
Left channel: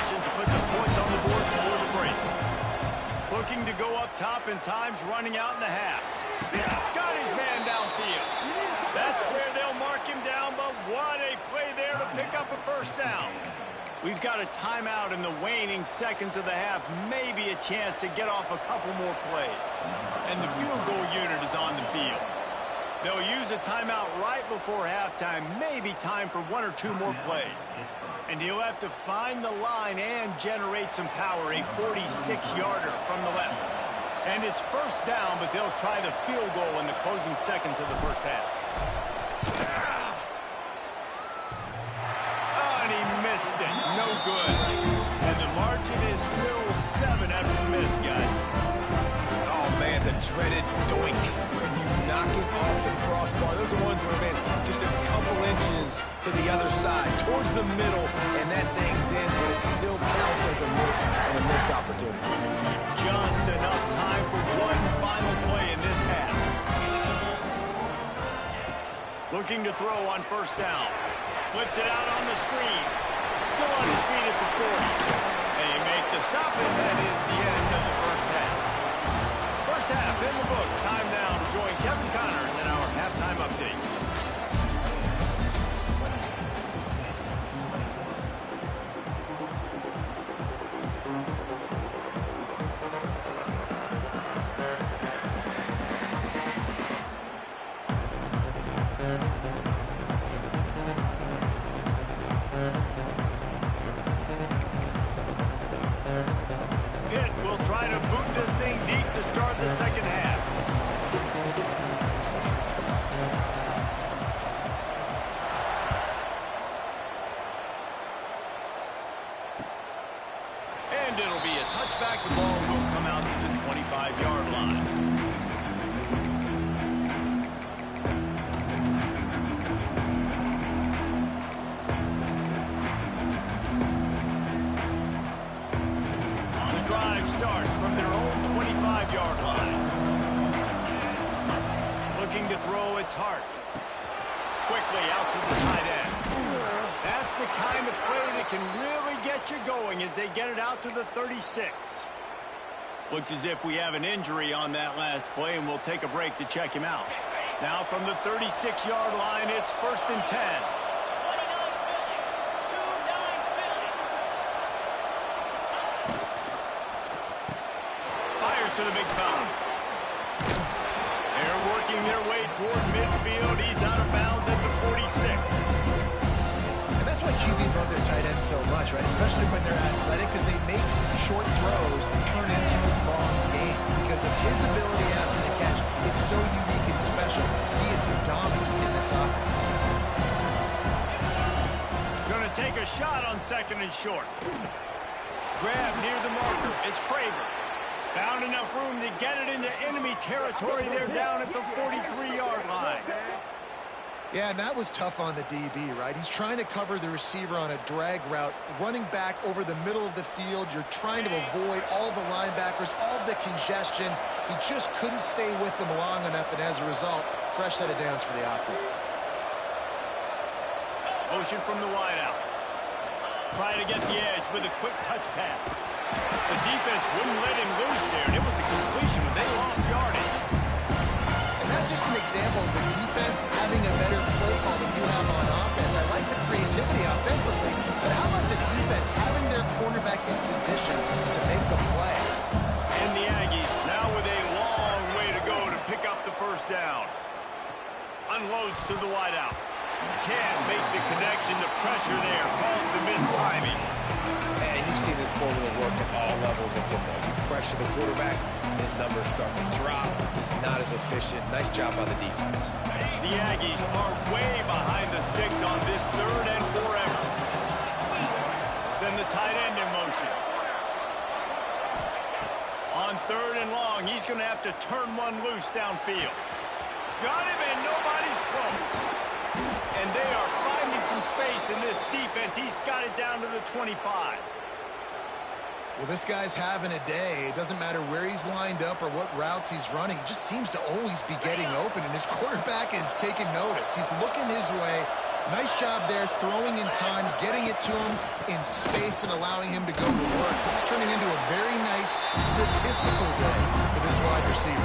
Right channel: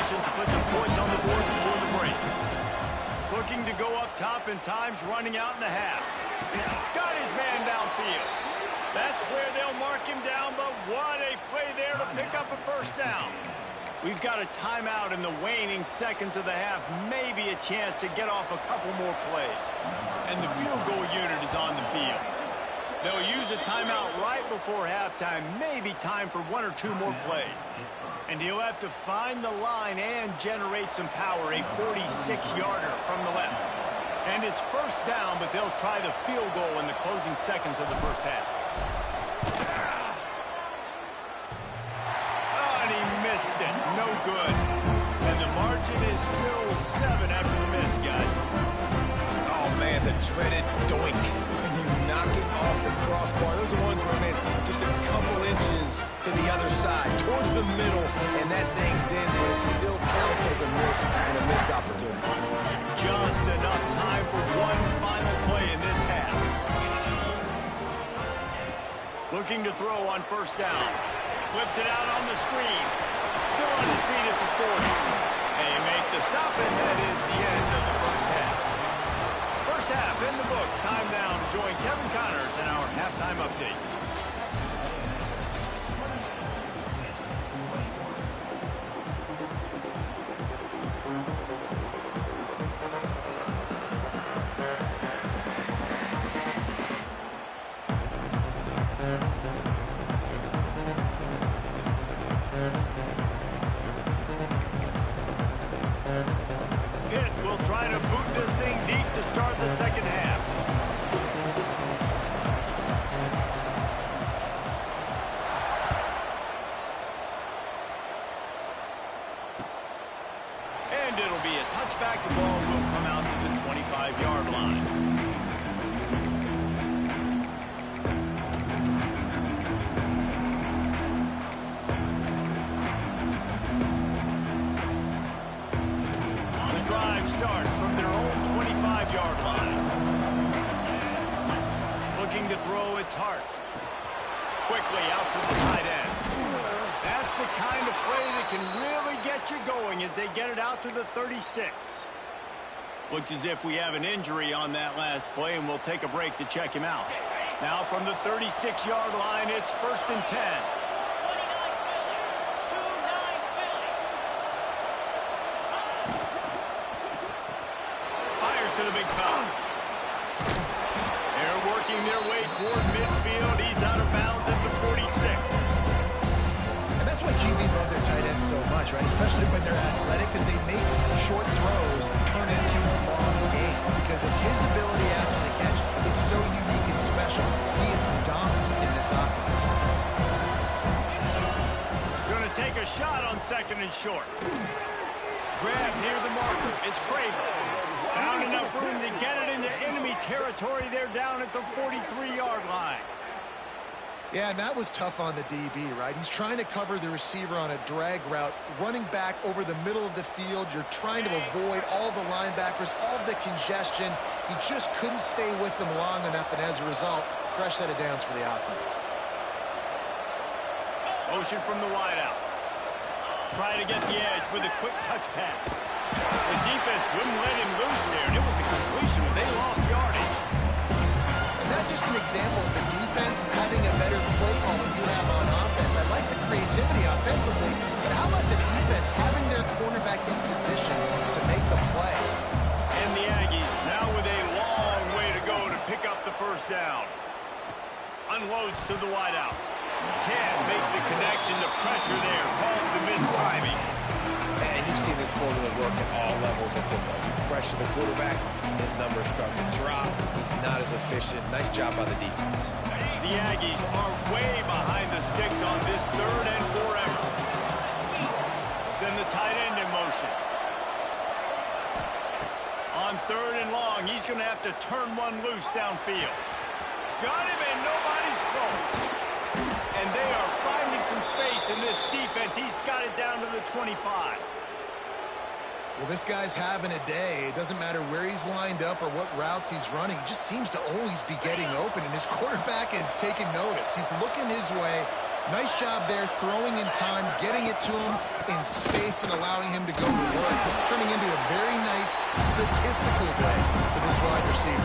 position to put some points on the board before the break. Looking to go up top, and time's running out in the half. Got his man downfield. That's where they'll mark him down, but what a play there to pick up a first down. We've got a timeout in the waning seconds of the half, maybe a chance to get off a couple more plays. And the field goal unit is on the field. They'll use a timeout right before halftime, maybe time for one or two more plays. And he'll have to find the line and generate some power, a 46-yarder from the left. And it's first down, but they'll try the field goal in the closing seconds of the first half. Oh, and he missed it. No good. And the margin is still 7 after the miss, guys. Oh, man, the dreaded doink. When you knock it off the crossbar, those are ones where, man, just a couple inches to the other side, towards the middle, and that thing's in, but it still counts as a miss and a missed opportunity. Just enough time for one final play in this half. Looking to throw on first down. Flips it out on the screen. Still on his feet at the 40. They make the stop, and that is the end of the first half. First half in the books. Time now to join Kevin Connors in our halftime update. Pitt will try to boot this thing deep to start the second half. And it'll be a touchback. The ball will come out to the 25-yard line. Starts from their own 25-yard line. Looking to throw, it's Hart. Quickly out to the tight end. That's the kind of play that can really get you going as they get it out to the 36. Looks as if we have an injury on that last play, and we'll take a break to check him out. Now from the 36-yard line, it's 1st and 10. To the big foul. They're working their way toward midfield. He's out of bounds at the 46. And that's why QBs love their tight ends so much, right? Especially when they're athletic, because they make short throws turn into long gains. Because of his ability after the catch, it's so unique and special. He is dominant in this offense. Going to take a shot on 2nd and short. Grab near the marker. It's Craver. Found enough room to get it into enemy territory. They're down at the 43-yard line. Yeah, and that was tough on the DB, right? He's trying to cover the receiver on a drag route, running back over the middle of the field. You're trying to avoid all the linebackers, all of the congestion. He just couldn't stay with them long enough, and as a result, fresh set of downs for the offense. Motion from the wideout. Trying to get the edge with a quick touch pass. The defense wouldn't let him loose there, and it was a completion, but they lost yardage. And that's just an example of the defense having a better play call than you have on offense. I like the creativity offensively, but how about the defense having their cornerback in position to make the play? And the Aggies now with a long way to go to pick up the first down. Unloads to the wideout. Can't make the connection to pressure there. Calls the missed timing. And you've seen this formula work at all levels of football. You pressure the quarterback, his numbers start to drop. He's not as efficient. Nice job by the defense. The Aggies are way behind the sticks on this 3rd and forever. They'll send the tight end in motion. On 3rd and long, he's going to have to turn one loose downfield. Got him, and nobody's close. And they are finding some space in this defense. He's got it down to the 25. Well, this guy's having a day. It doesn't matter where he's lined up or what routes he's running. He just seems to always be getting open, and his quarterback is taking notice. He's looking his way. Nice job there, throwing in time, getting it to him in space, and allowing him to go to work. This is turning into a very nice statistical day for this wide receiver.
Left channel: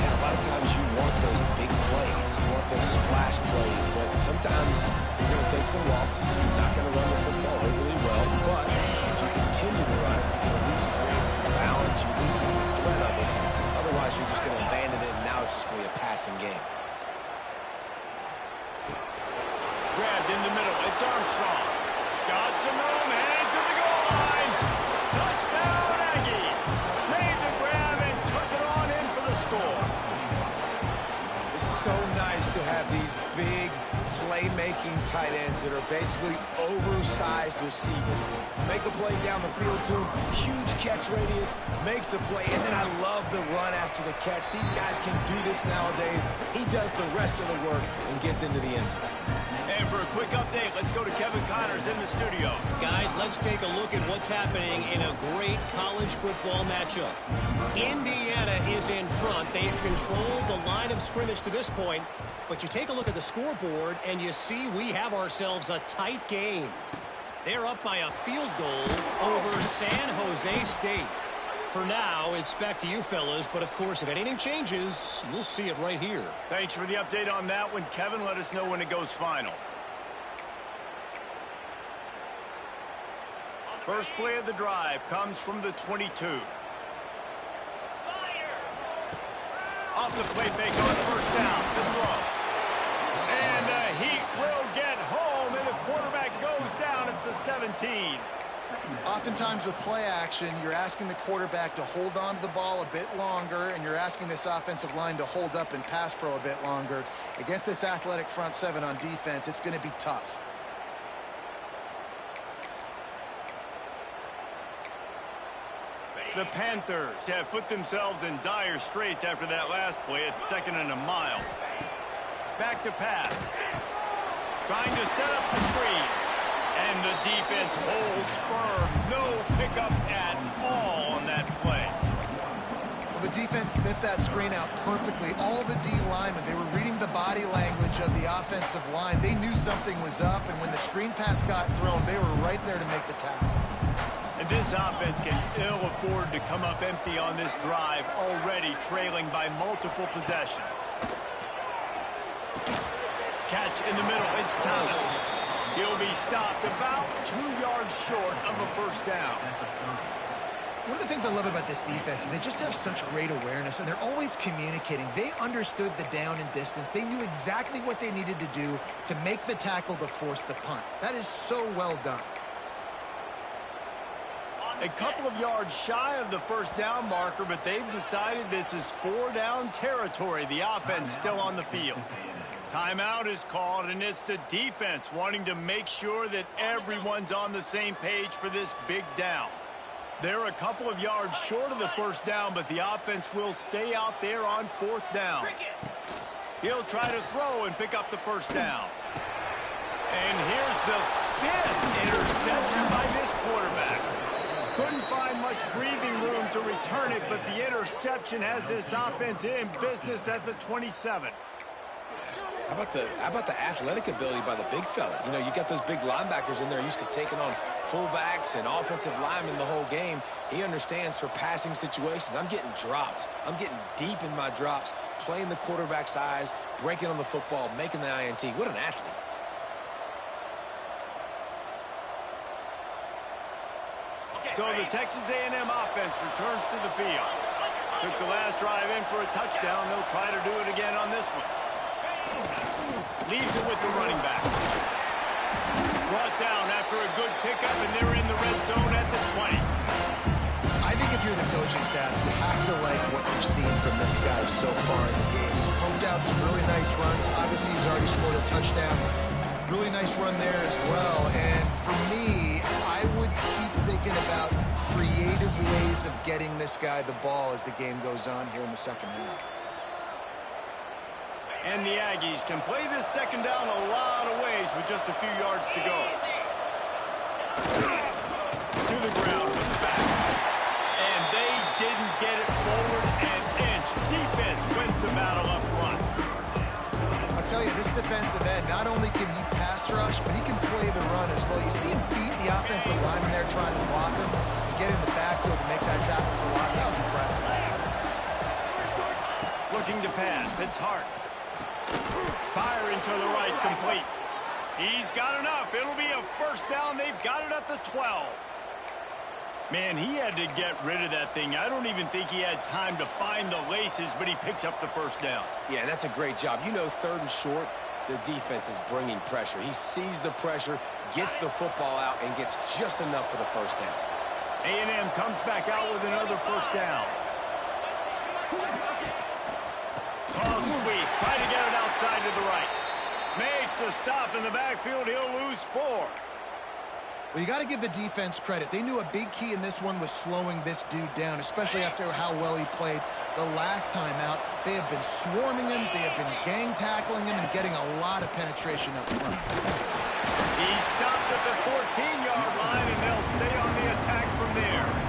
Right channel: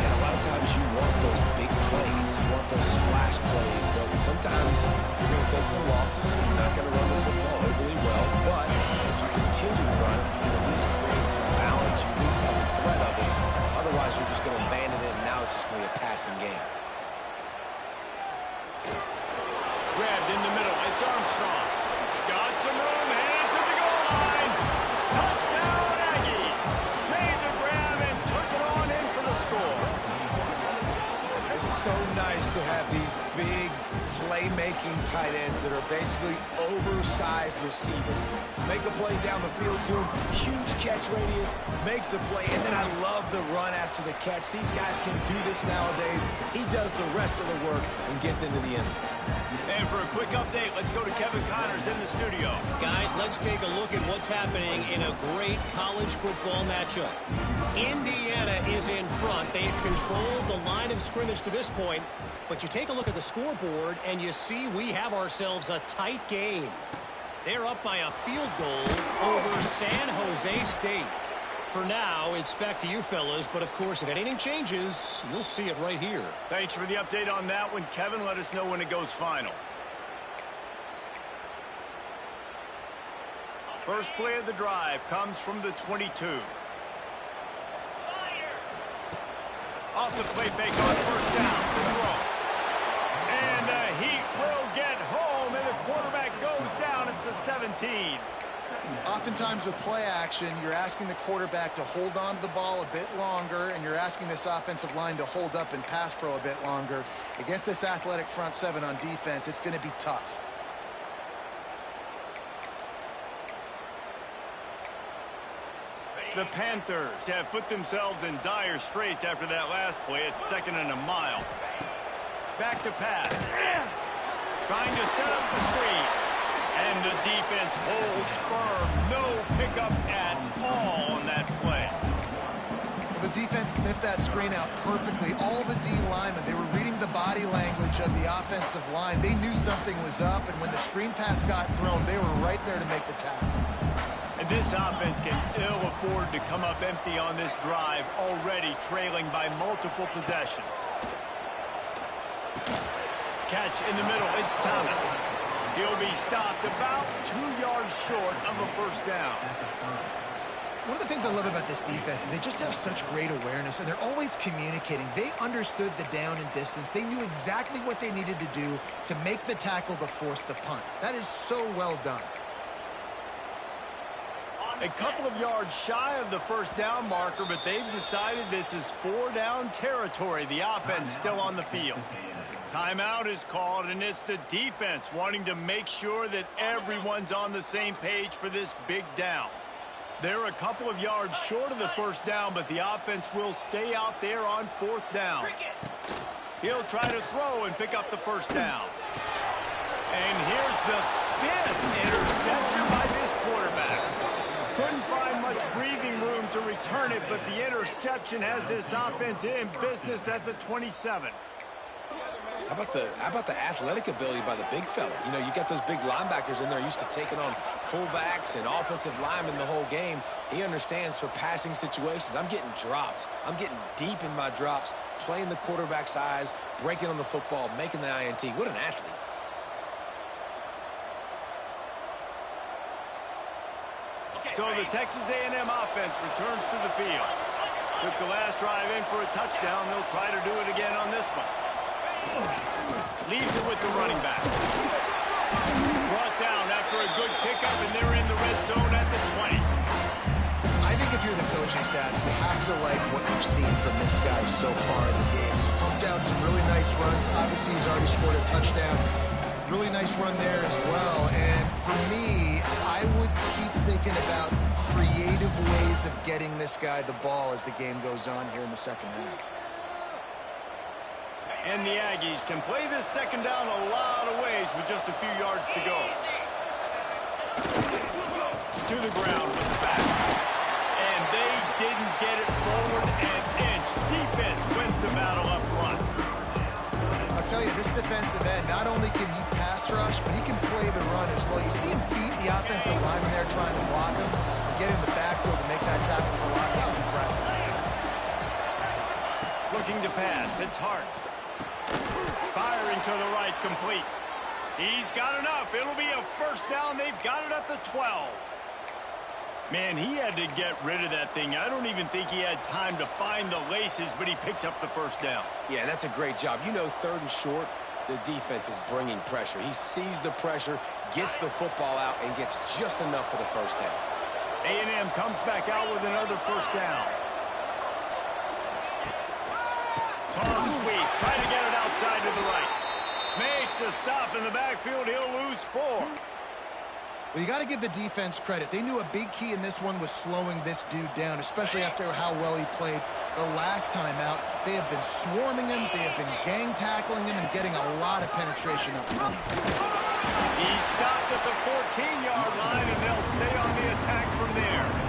Yeah, a lot of times you want those big plays. You want those splash plays, but sometimes you're going to take some losses. You're not going to run the football overly well, but if you continue to run it, you can at least create some balance. You at least have the threat of it. Otherwise, you're just going to abandon it, and now it's just going to be a passing game. Grabbed in the middle. It's Armstrong. Got some room, headed to the goal line. Touchdown, Aggies. Made the grab and took it on in for the score. It's so nice to have these big playmaking tight ends that are basically oversized receivers. Make a play down the field to him, huge catch radius, makes the play, and then I love the run after the catch. These guys can do this nowadays. He does the rest of the work and gets into the end zone. And for a quick update, let's go to Kevin Connors in the studio. Guys, let's take a look at what's happening in a great college football matchup. Indiana is in front. They've controlled the line of scrimmage to this point. But you take a look at the scoreboard, and you see we have ourselves a tight game. They're up by a field goal over San Jose State. For now, it's back to you fellas, but of course, if anything changes, you'll see it right here. Thanks for the update on that one, Kevin. Let us know when it goes final. First play of the drive comes from the 22. Off the play fake on first down. The throw. And the Heat will get home, and the quarterback goes down at the 17. Oftentimes with play action, you're asking the quarterback to hold on to the ball a bit longer, and you're asking this offensive line to hold up in pass pro a bit longer. Against this athletic front seven on defense, it's going to be tough. The Panthers have put themselves in dire straits after that last play. It's 2nd and a mile. Back to pass. Trying to set up the screen. And the defense holds firm. No pickup at all on that play. Well, the defense sniffed that screen out perfectly. All the D linemen, they were reading the body language of the offensive line. They knew something was up, and when the screen pass got thrown, they were right there to make the tackle. And this offense can ill afford to come up empty on this drive, already trailing by multiple possessions. Catch in the middle. It's Thomas. He'll be stopped about 2 yards short of a first down. One of the things I love about this defense is they just have such great awareness, and they're always communicating. They understood the down and distance. They knew exactly what they needed to do to make the tackle to force the punt. That is so well done. A couple of yards shy of the first down marker, but they've decided this is 4-down territory. The offense still on the field. Timeout is called, and it's the defense wanting to make sure that everyone's on the same page for this big down. They're a couple of yards short of the first down, but the offense will stay out there on 4th down. He'll try to throw and pick up the first down. And here's the 5th interception by this quarterback. Couldn't find much breathing room to return it, but the interception has this offense in business at the 27. How about the athletic ability by the big fella? You know, you got those big linebackers in there used to taking on fullbacks and offensive linemen the whole game. He understands for passing situations. I'm getting drops. I'm getting deep in my drops, playing the quarterback's eyes, breaking on the football, making the INT. What an athlete. So the Texas A&M offense returns to the field. Took the last drive in for a touchdown. They'll try to do it again on this one. Leaves it with the running back. Brought down after a good pickup, and they're in the red zone at the 20. I think if you're the coaching staff, you have to like what you've seen from this guy so far in the game. He's pumped out some really nice runs. Obviously, he's already scored a touchdown. Really nice run there as well. And for me, I would keep thinking about creative ways of getting this guy the ball as the game goes on here in the second half. And the Aggies can play this second down a lot of ways with just a few yards to go. To the ground with the back. And they didn't get it forward an inch. Defense wins the battle up front. I'll tell you, this defensive end, not only can he pass rush, but he can play the run as well. You see him beat the offensive lineman there trying to block him and get in the backfield to make that tackle for loss. That was impressive. Looking to pass. It's Hart. Firing to the right, complete. He's got enough. It'll be a first down. They've got it at the 12. Man, he had to get rid of that thing. I don't even think he had time to find the laces, but he picks up the first down. Yeah, that's a great job. You know, 3rd and short, the defense is bringing pressure. He sees the pressure, gets the football out, and gets just enough for the first down. A&M comes back out with another first down. Toss sweep. Try to get it outside to the right. Makes a stop in the backfield. He'll lose 4. Well, you got to give the defense credit. They knew a big key in this one was slowing this dude down, especially after how well he played the last time out. They have been swarming him. They have been gang tackling him and getting a lot of penetration up front. He stopped at the 14-yard line, and they'll stay on the attack from there.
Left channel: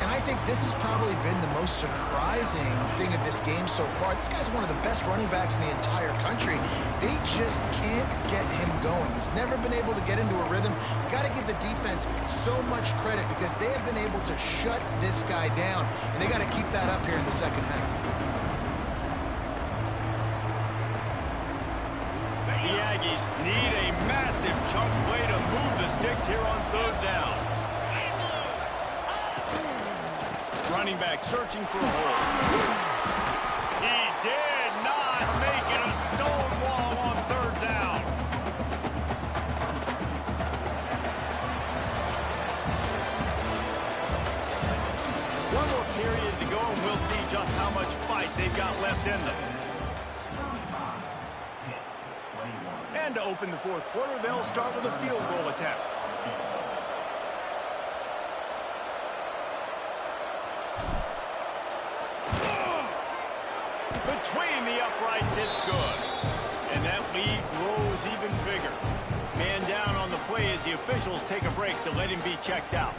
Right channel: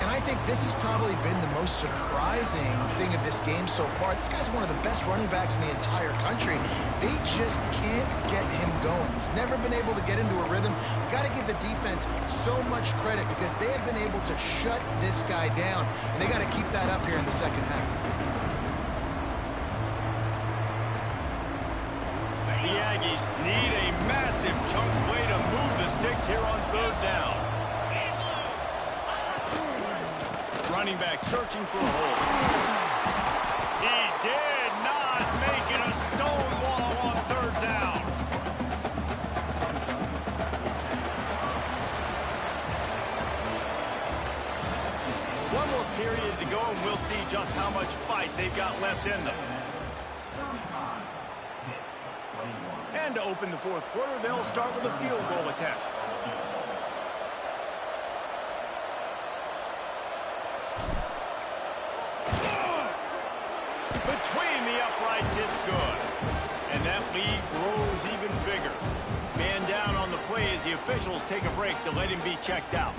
And I think this has probably been the most surprising thing of this game so far. This guy's one of the best running backs in the entire country. They just can't get him going. He's never been able to get into a rhythm. You got to give the defense so much credit because they have been able to shut this guy down, and they got to keep that up here in the second half. The Aggies need a massive chunk play to move the sticks here on 3rd down. Running back searching for a hole. He did not make it a stone wall on 3rd down. One more period to go, and we'll see just how much fight they've got left in them. And to open the 4th quarter, they'll start with a field goal attempt. Between the uprights, it's good. And that lead grows even bigger. Man down on the play as the officials take a break to let him be checked out.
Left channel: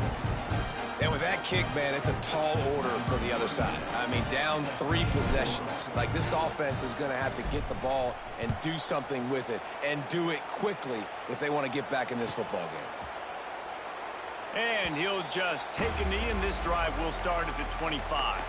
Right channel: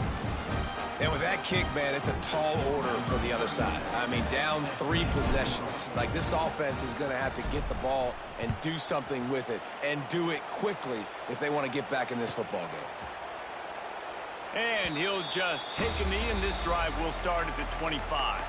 And with that kick, man, it's a tall order for the other side. I mean, down 3 possessions. Like, this offense is going to have to get the ball and do something with it, and do it quickly if they want to get back in this football game. And he'll just take a knee, and this drive will start at the 25.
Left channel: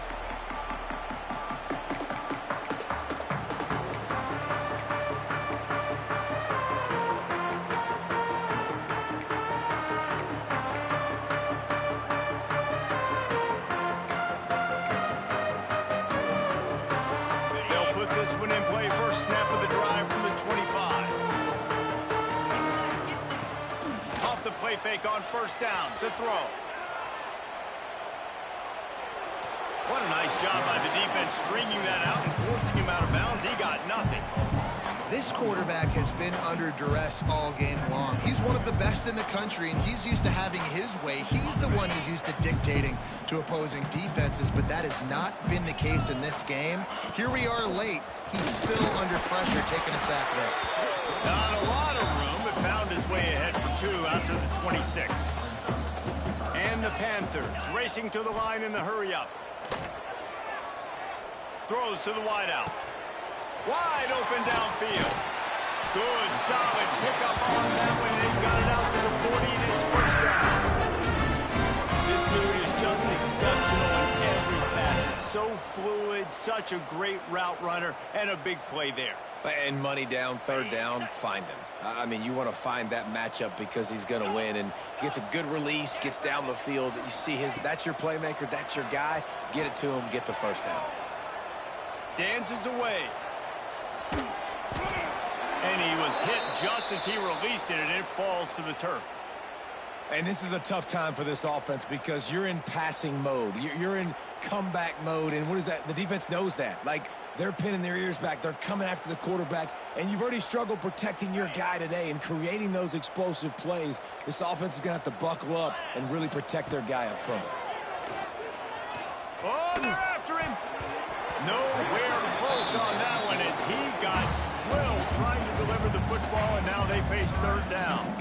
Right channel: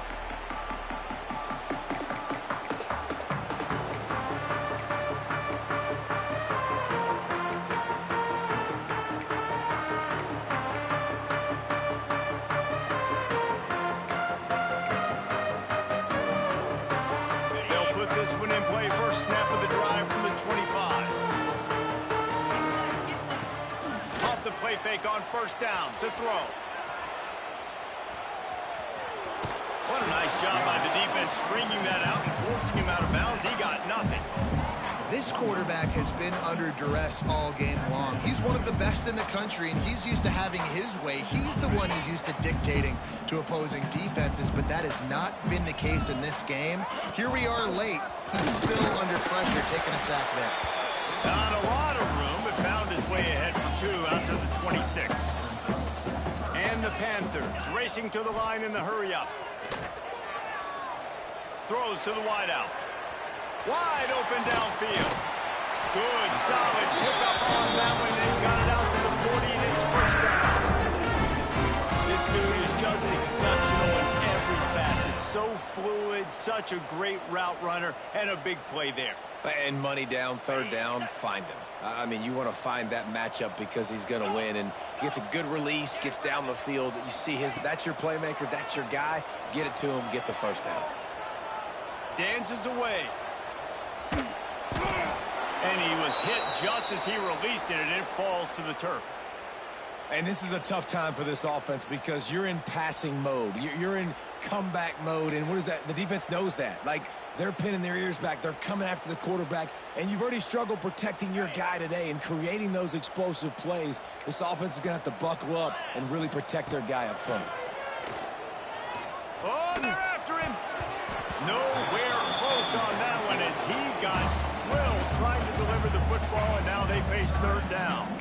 Play fake on 1st down to throw. What a nice job by the defense stringing that out and forcing him out of bounds. He got nothing. This quarterback has been under duress all game long. He's one of the best in the country, and he's used to having his way. He's the one who's used to dictating to opposing defenses, but that has not been the case in this game. Here we are late. He's still under pressure, taking a sack there. Not a lot of room, but found his way ahead for 2 after the 26. And the Panthers racing to the line in the hurry-up. Throws to the wideout. Wide open downfield. Good, solid pickup on that one. They've got it out to the 40, and it's 1st down. This dude is just exceptional in every facet. So fluid, such a great route runner, and a big play there. And money down, 3rd down, find him. I mean, you want to find that matchup because he's going to win, and gets a good release, gets down the field. You see that's your playmaker, that's your guy. Get it to him, get the 1st down. Dances away. And he was hit just as he released it, and it falls to the turf. And this is a tough time for this offense because you're in passing mode. You're in comeback mode, and what is that? The defense knows that. Like, they're pinning their ears back. They're coming after the quarterback, and you've already struggled protecting your guy today and creating those explosive plays. This offense is going to have to buckle up and really protect their guy up front. Oh, they're after him. Nowhere close on that one as he got drilled trying to deliver the football, and now they face 3rd down.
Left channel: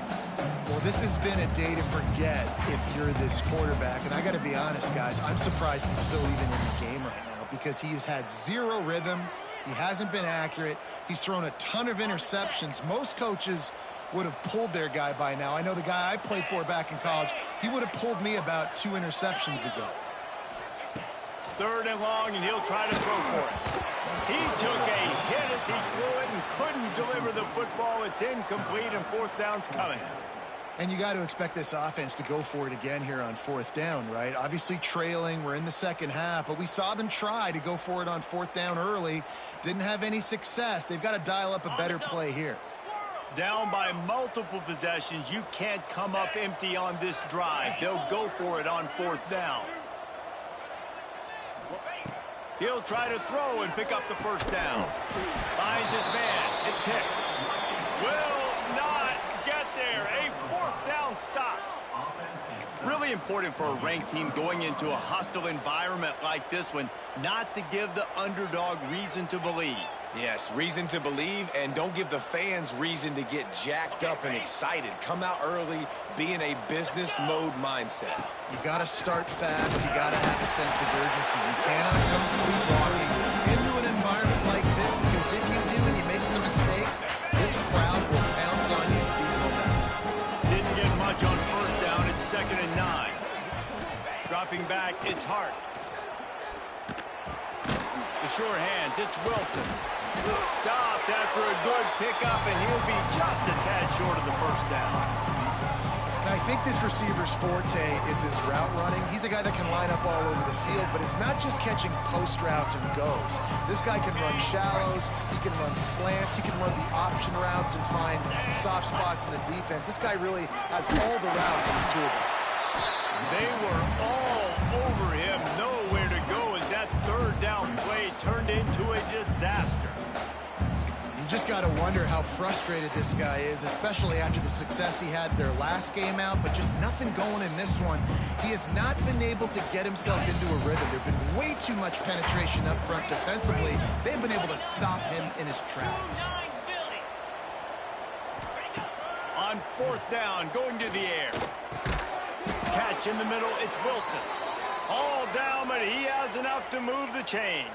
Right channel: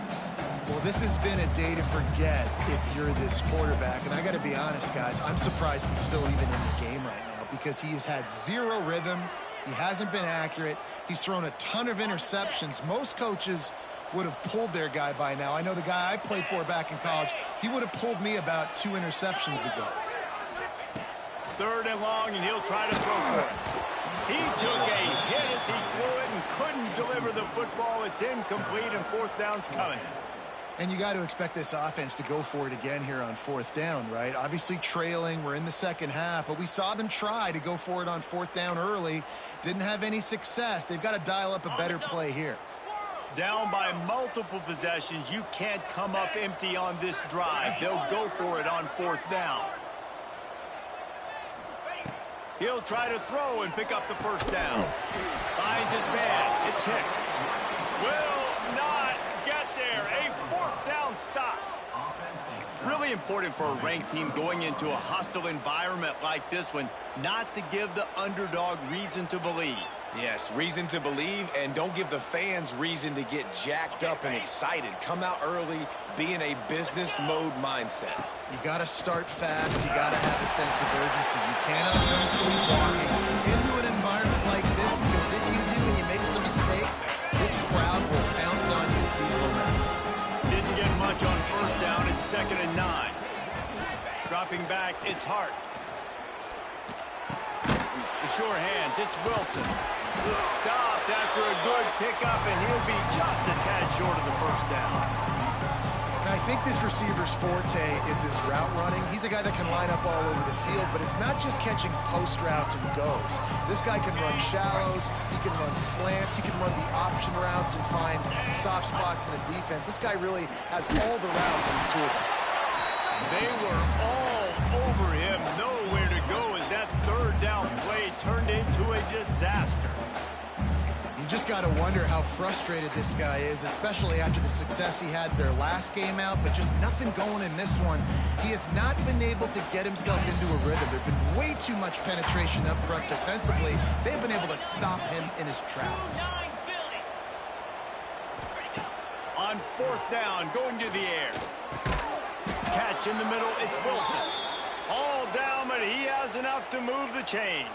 Well, this has been a day to forget if you're this quarterback. And I got to be honest, guys, I'm surprised he's still even in the game right now because he has had 0 rhythm. He hasn't been accurate. He's thrown a ton of interceptions. Most coaches would have pulled their guy by now. I know the guy I played for back in college, he would have pulled me about 2 interceptions ago. 3rd and long, and he'll try to throw for it. He took a hit as he threw it and couldn't deliver the football. It's incomplete, and 4th down's coming. And you got to expect this offense to go for it again here on 4th down, right? Obviously trailing, we're in the second half, but we saw them try to go for it on 4th down early. Didn't have any success. They've got to dial up a better play here. Down by multiple possessions, you can't come up empty on this drive. They'll go for it on 4th down. He'll try to throw and pick up the 1st down. Finds his man. It's Hicks. Will not get there. A 4th down stop. Really important for a ranked team going into a hostile environment like this one, not to give the underdog reason to believe. Yes, reason to believe, and don't give the fans reason to get jacked up and excited. Come out early, be in a business mode mindset. You got to start fast. You got to have a sense of urgency. You cannot come sleepwalking into an environment like this, because if you do and you make some mistakes, this crowd will pounce on you and seize momentum. Didn't get much on 1st down. It's 2nd and 9. Dropping back, it's Hart. The sure hands, it's Wilson. Stopped after a good pickup, and he'll be just a tad short of the 1st down. Now, I think this receiver's forte is his route running. He's a guy that can line up all over the field, but it's not just catching post routes and goes. This guy can run shallows, he can run slants, he can run the option routes and find soft spots in the defense. This guy really has all the routes in his toolbox. They were all over him, nowhere to go as that 3rd down play turned into a disaster. You just got to wonder how frustrated this guy is, especially after the success he had their last game out, but just nothing going in this one. He has not been able to get himself into a rhythm. There's been way too much penetration up front defensively. They've been able to stop him in his tracks. On 4th down, going to the air. Catch in the middle, it's Wilson. All down, but he has enough to move the chains.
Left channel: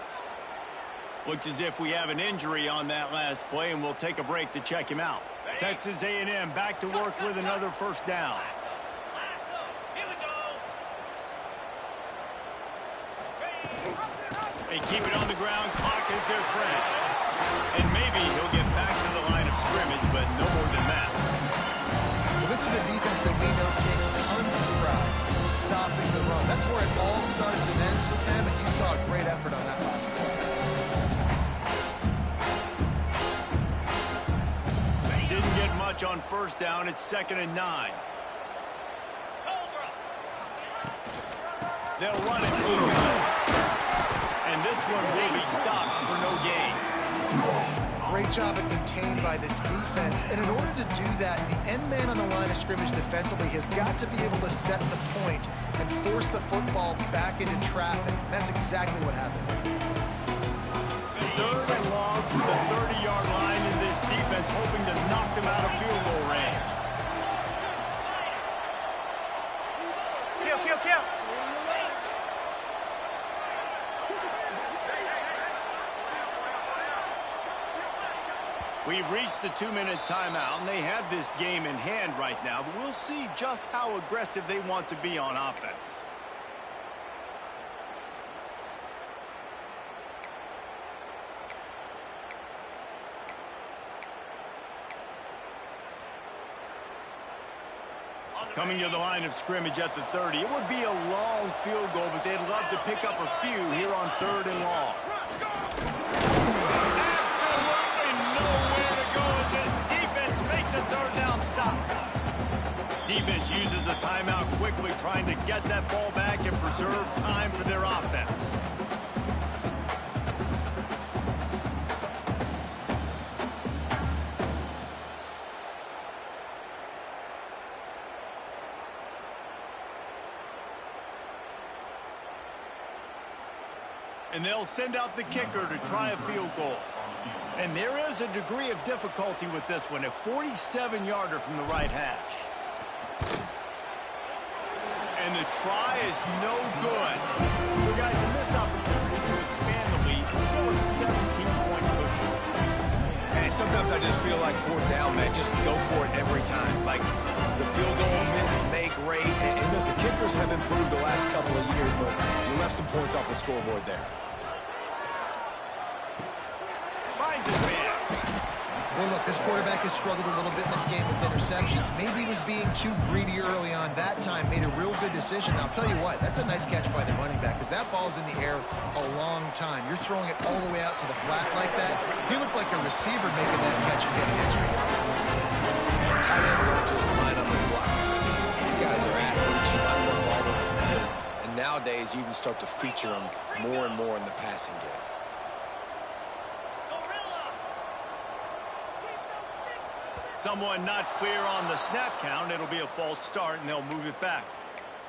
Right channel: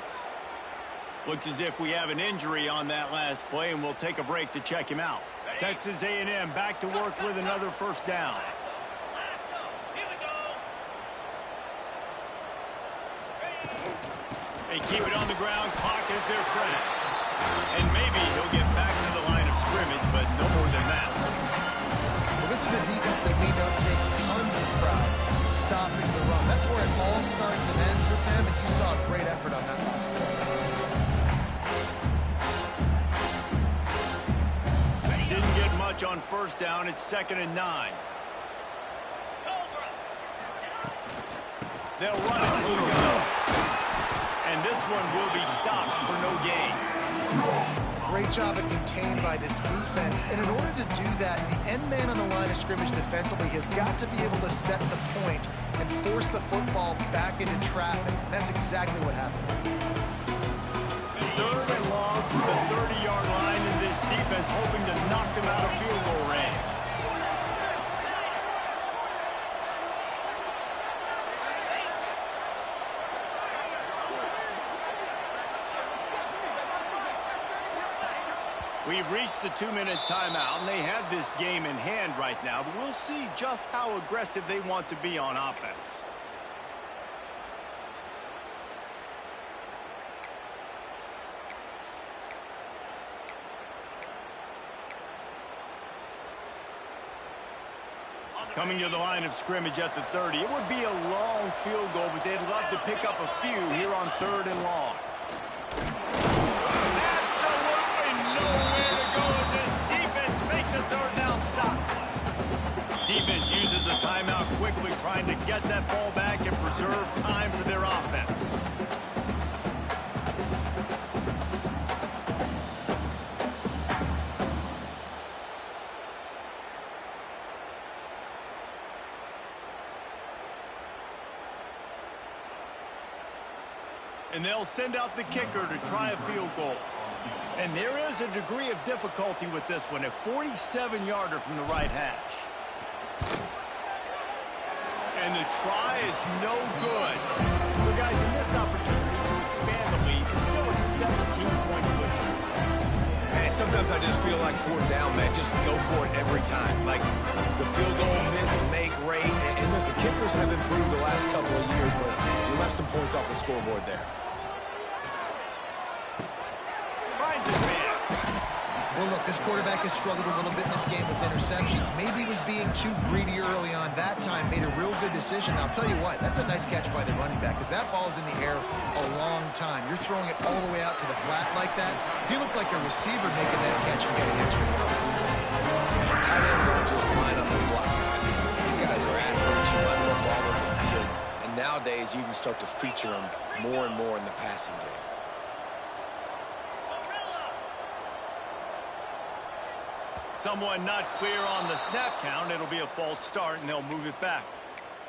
Looks as if we have an injury on that last play, and we'll take a break to check him out. Texas A&M back to work with another 1st down. They keep it on the ground. Clock is their friend. And maybe he'll get back to the line of scrimmage, but no more than that. Well, this is a defense that we know takes tons of pride stopping the run. That's where it all starts and ends with them, and you saw a great effort on that last play. Didn't get much on 1st down. It's 2nd and 9. They'll run it through the gun. And this one will be stopped for no gain. Great job at contained by this defense. And in order to do that, the end man on the line of scrimmage defensively has got to be able to set the point and force the football back into traffic. And that's exactly what happened. 3rd and long from the 30-yard line, in this defense hoping to knock them out of field goal range. We've reached the 2-minute timeout, and they have this game in hand right now, but we'll see just how aggressive they want to be on offense. Coming to the line of scrimmage at the 30. It would be a long field goal, but they'd love to pick up a few here on 3rd and long. Absolutely nowhere to go as this defense makes a 3rd down stop. Defense uses a timeout quickly, trying to get that ball back and preserve time for their offense. And they'll send out the kicker to try a field goal. And there is a degree of difficulty with this one, a 47-yarder from the right hash. And the try is no good. So, guys, a missed opportunity to expand the lead. It's still a 17-point cushion. Man, sometimes I just feel like fourth down, man, just go for it every time. Like the field goal miss-make rate. And listen, kickers have improved the last couple of years, but you left some points off the scoreboard there. Finds his man. Well, look, this quarterback has struggled a little bit in this game with interceptions. Maybe he was being too greedy early on that time, made a real good decision. And I'll tell you what, that's a nice catch by the running back because that ball's in the air a long time. You're throwing it all the way out to the flat like that. He looked like a receiver making that catch and getting extra yards. And tight ends aren't just line up and block guys. These guys are athletes. You line them up all over the field. And nowadays, you even start to feature them more and more in the passing game. Someone not clear on the snap count. It'll be a false start, and they'll move it back.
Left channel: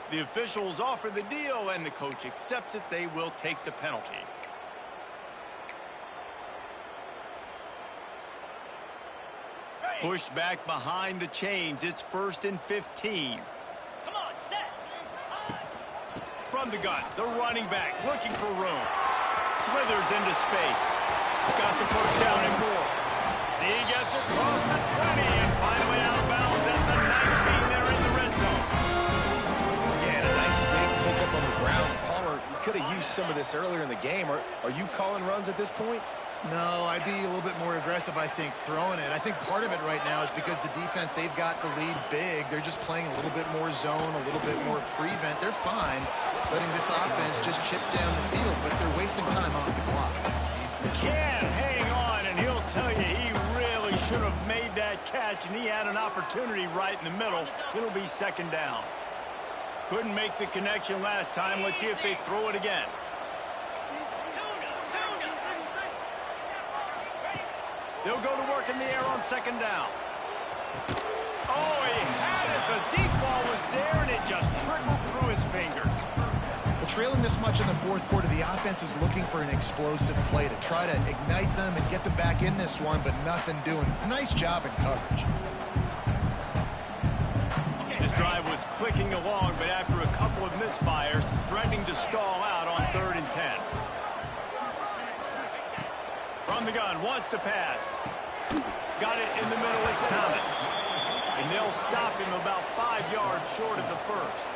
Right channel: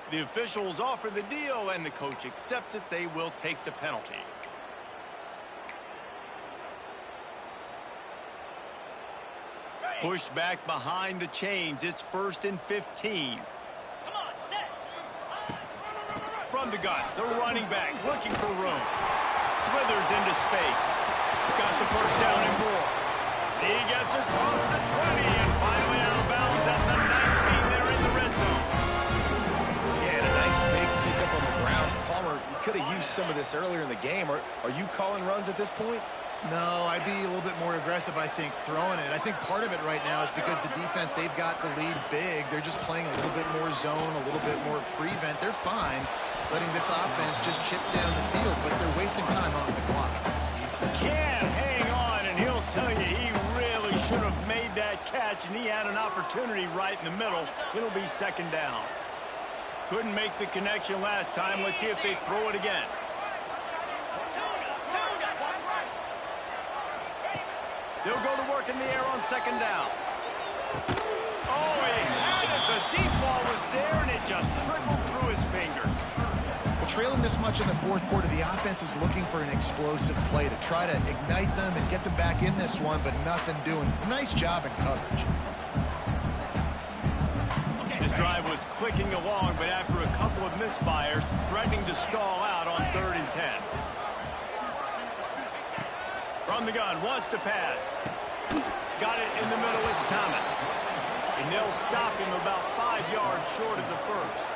The officials offer the deal, and the coach accepts it. They will take the penalty. Pushed back behind the chains. It's 1st and 15. Come on, set. From the gun, the running back looking for room. Slithers into space. Got the first down and more. He gets across the 20 and finally out of bounds at the 19. They're in the red zone. Yeah, and a nice big pickup on the ground. Palmer, you could have used some of this earlier in the game. Are you calling runs at this point? No, I'd be a little bit more aggressive, I think, throwing it. I think part of it right now is because the defense, they've got the lead big. They're just playing a little bit more zone, a little bit more prevent. They're fine letting this offense just chip down the field, but they're wasting time off the clock. Can't hang on, and he'll tell you he really should have made that catch, and he had an opportunity right in the middle. It'll be 2nd down. Couldn't make the connection last time. Let's see if they throw it again. They'll go to work in the air on 2nd down. Oh, he had it. The deep ball was there, and it just trickled through his fingers. Well, trailing this much in the fourth quarter, the offense is looking for an explosive play to try to ignite them and get them back in this one, but nothing doing. Nice job in coverage. This drive was clicking along, but after a couple of misfires, threatening to stall out on 3rd and 10. From the gun, wants to pass. Got it in the middle, it's Thomas. And they'll stop him about 5 yards short of the first.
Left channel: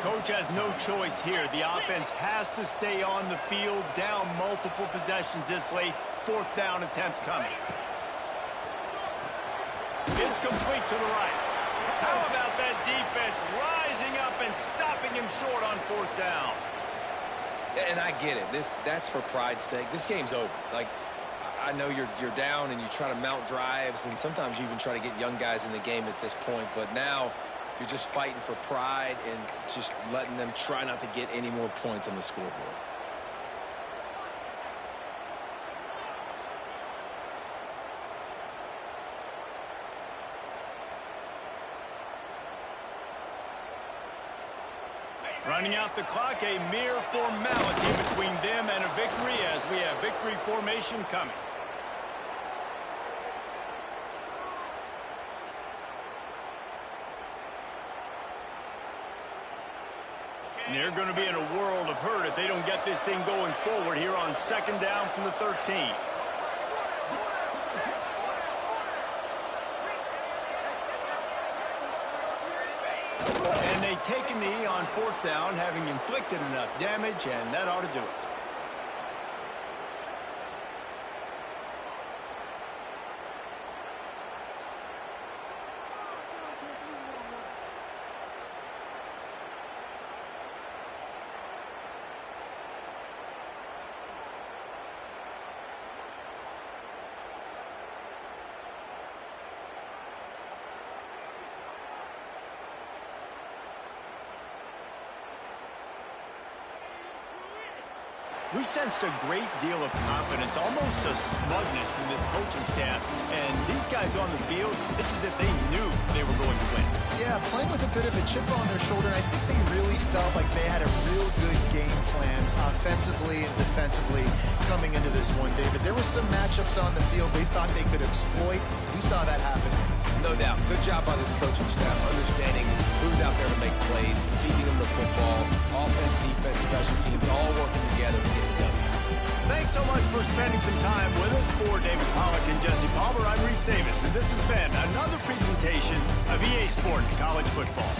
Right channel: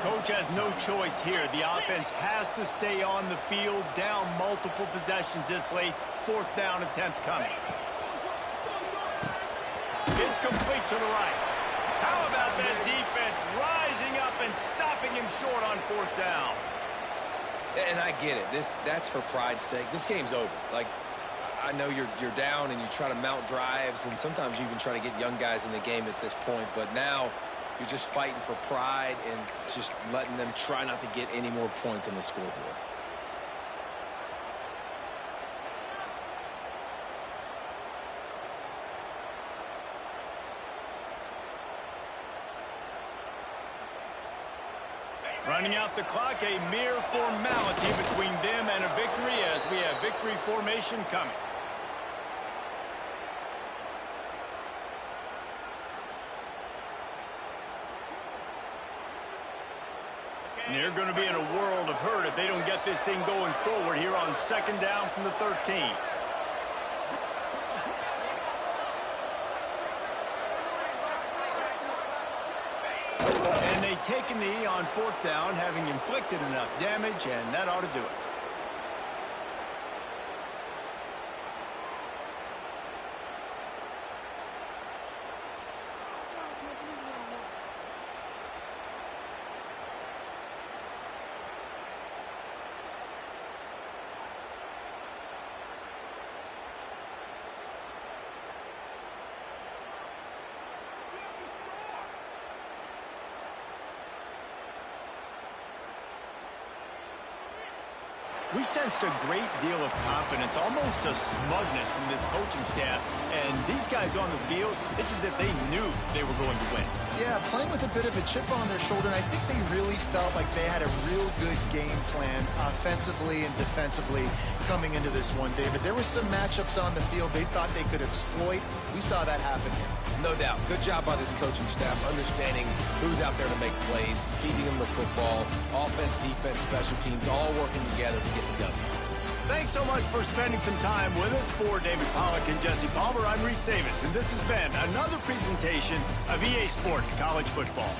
Coach has no choice here. The offense has to stay on the field, down multiple possessions this late. 4th down attempt coming. It's complete to the right. How about that defense rising up and stopping him short on 4th down? And I get it. That's for pride's sake. This game's over. Like, I know you're down and you try to mount drives, and sometimes you even try to get young guys in the game at this point. But now you're just fighting for pride and just letting them try not to get any more points on the scoreboard. Running out the clock, a mere formality between them and a victory as we have victory formation coming. And they're going to be in a world of hurt if they don't get this thing going forward here on 2nd down from the 13. And they take a knee on 4th down, having inflicted enough damage, and that ought to do it. We sensed a great deal of confidence, almost a smugness from this coaching staff. And these guys on the field, it's as if they knew they were going to win. Yeah, playing with a bit of a chip on their shoulder, and I think they really felt like they had a real good game plan offensively and defensively coming into this one, David. There were some matchups on the field they thought they could exploit. We saw that happen. No doubt. Good job by this coaching staff, understanding who's out there to make plays, feeding them the football, offense, defense, special teams, all working together to get the W. Thanks so much for spending some time with us. For David Pollack and Jesse Palmer, I'm Reese Davis, and this has been another presentation of EA Sports College Football.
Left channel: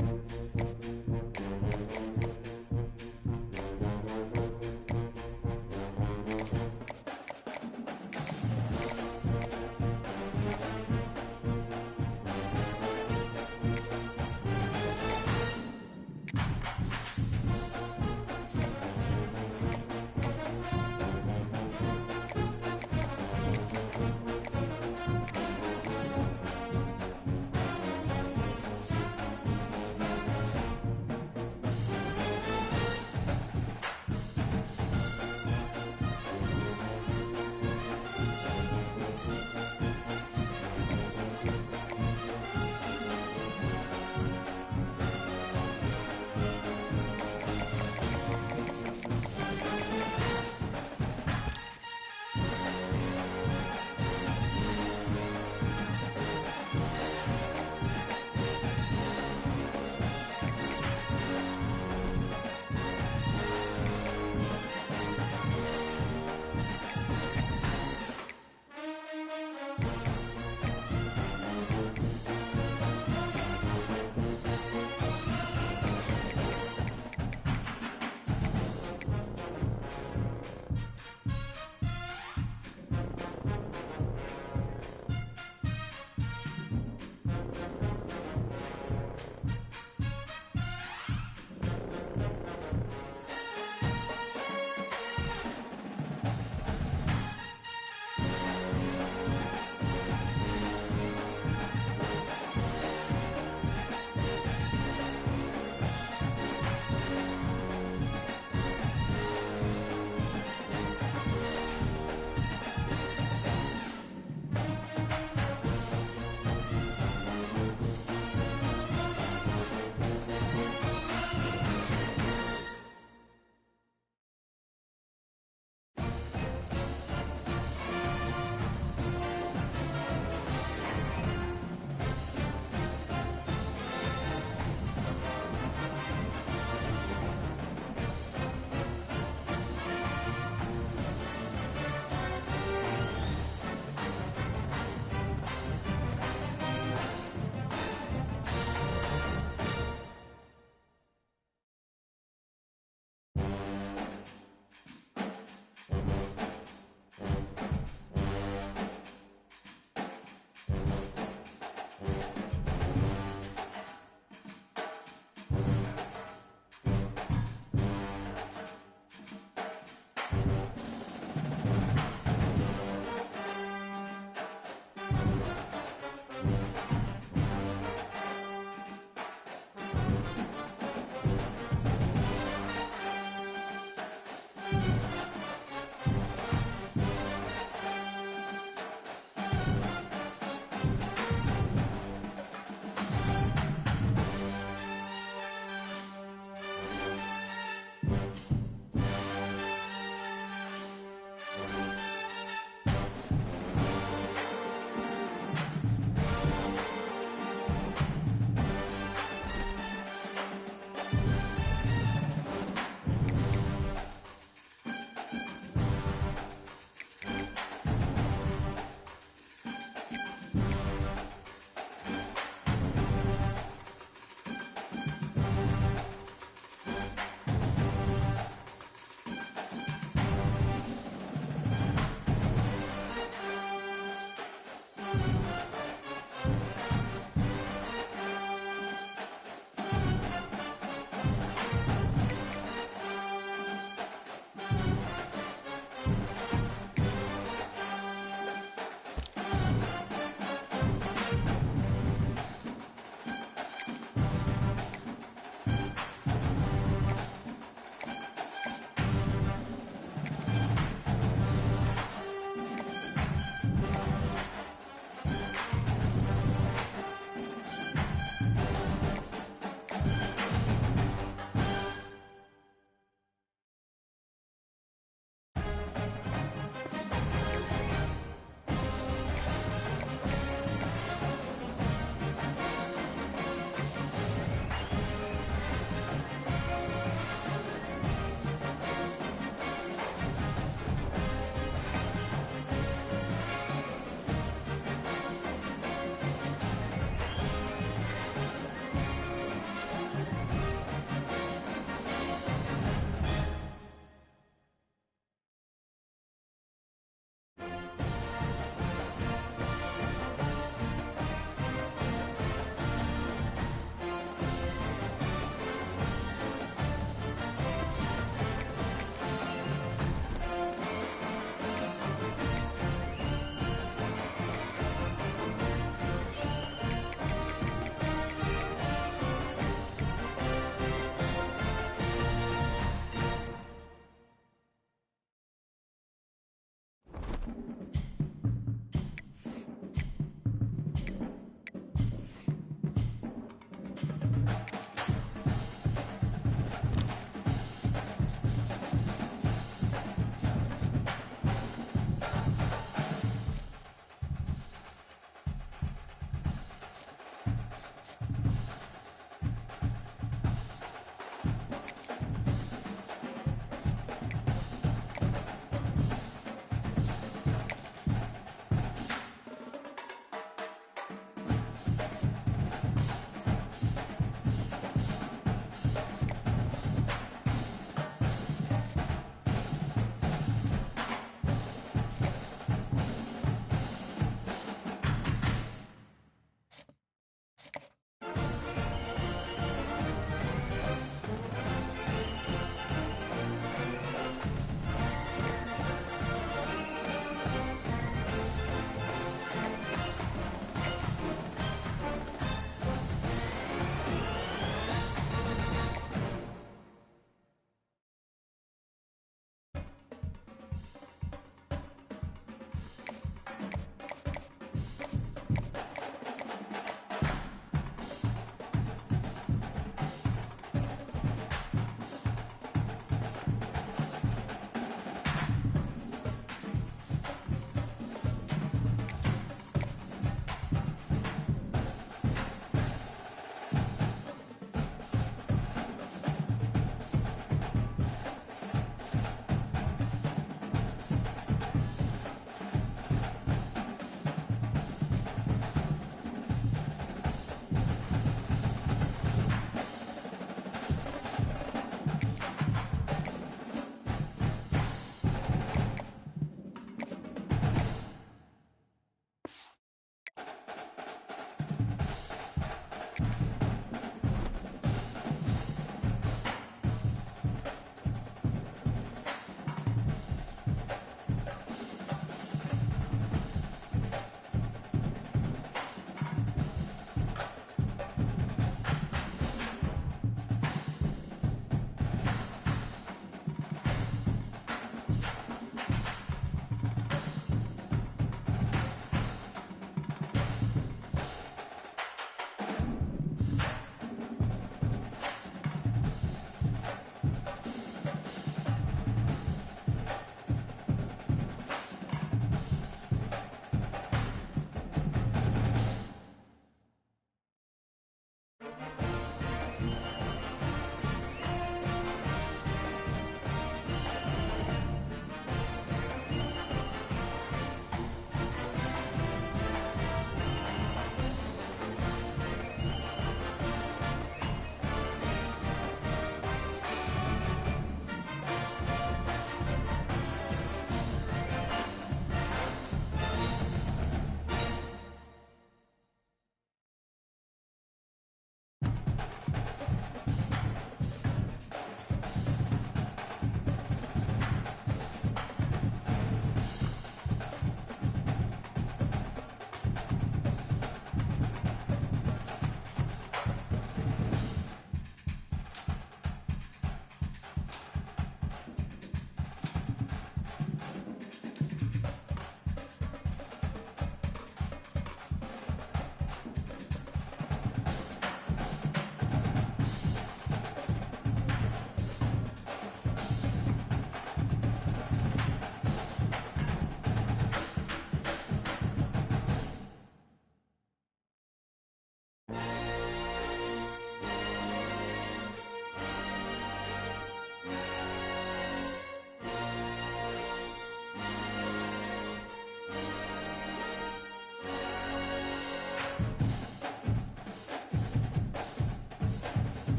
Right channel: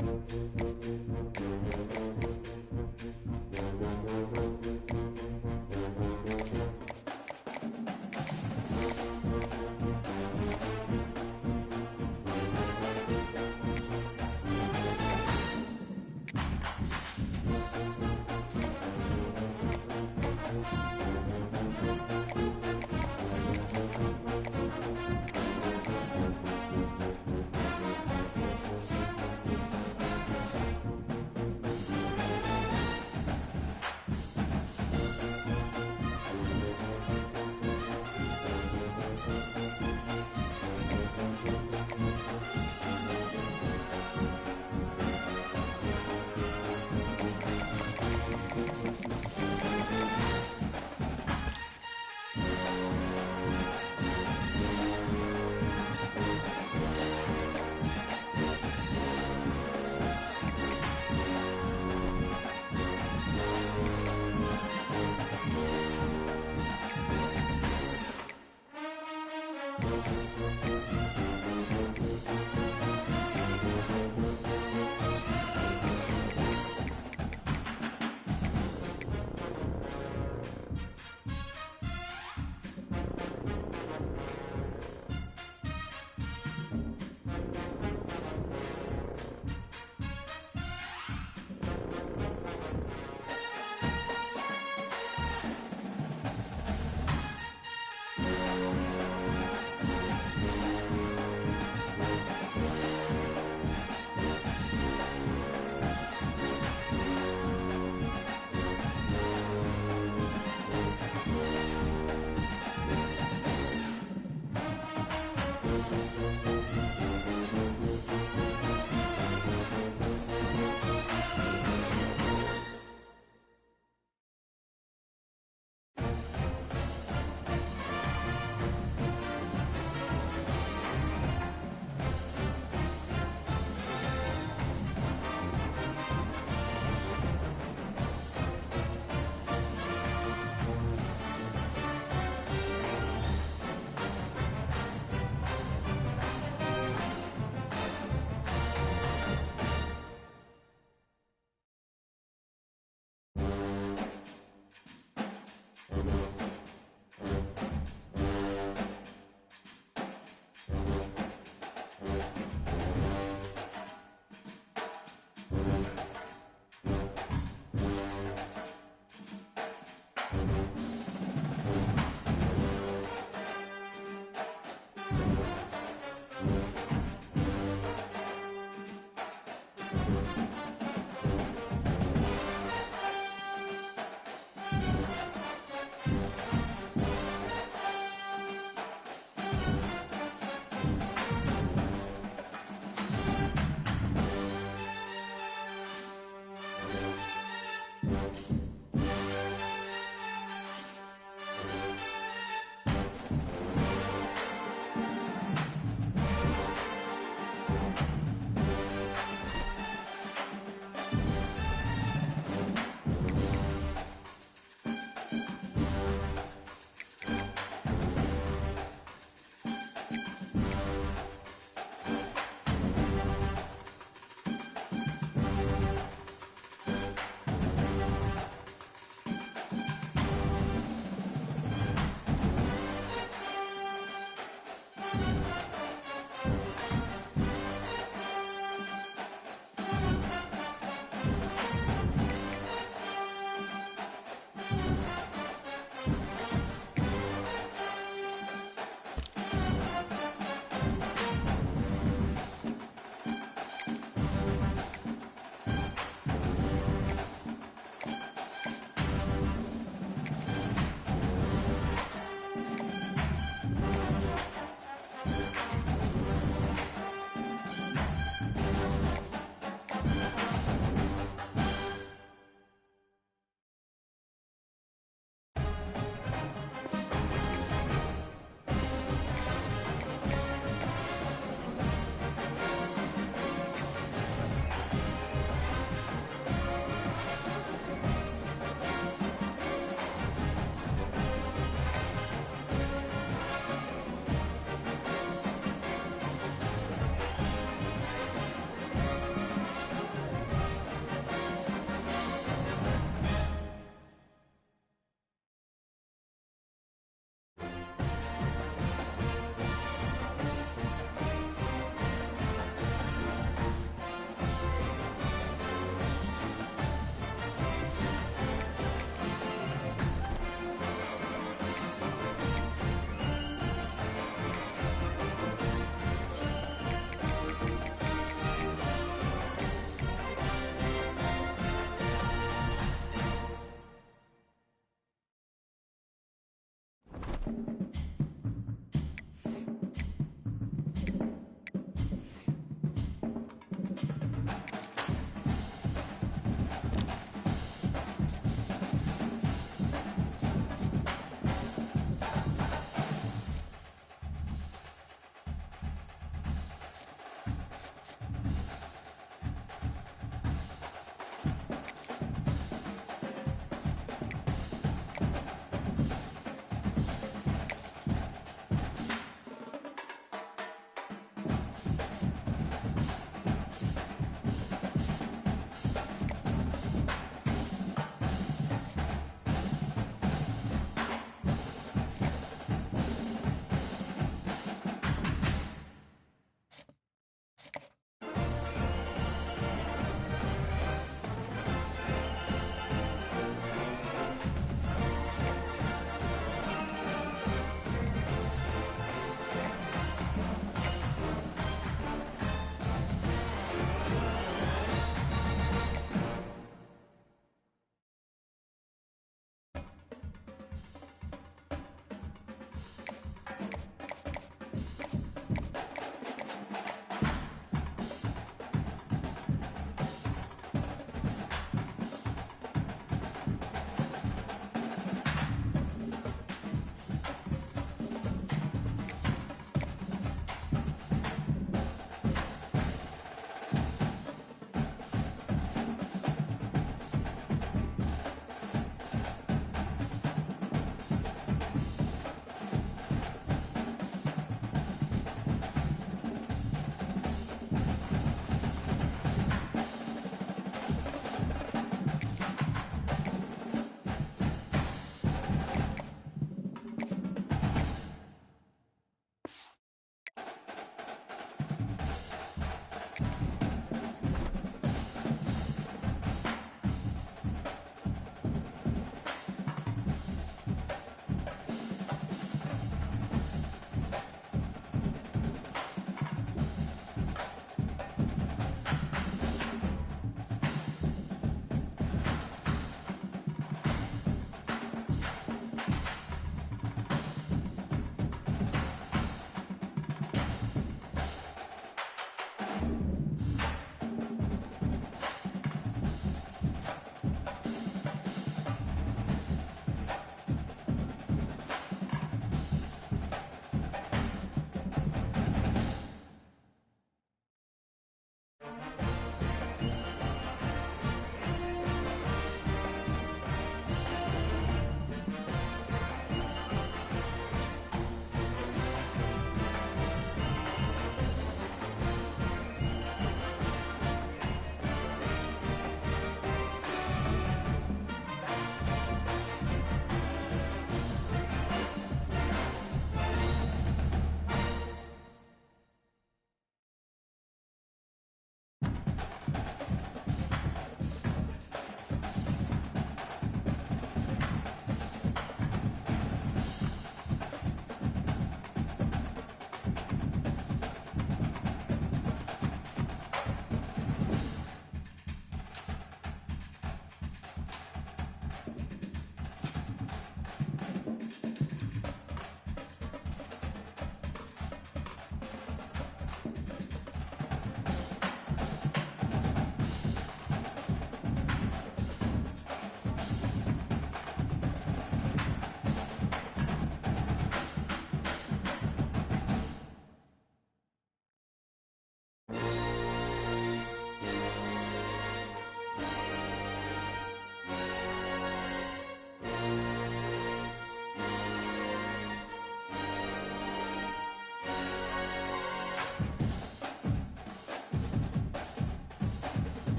it.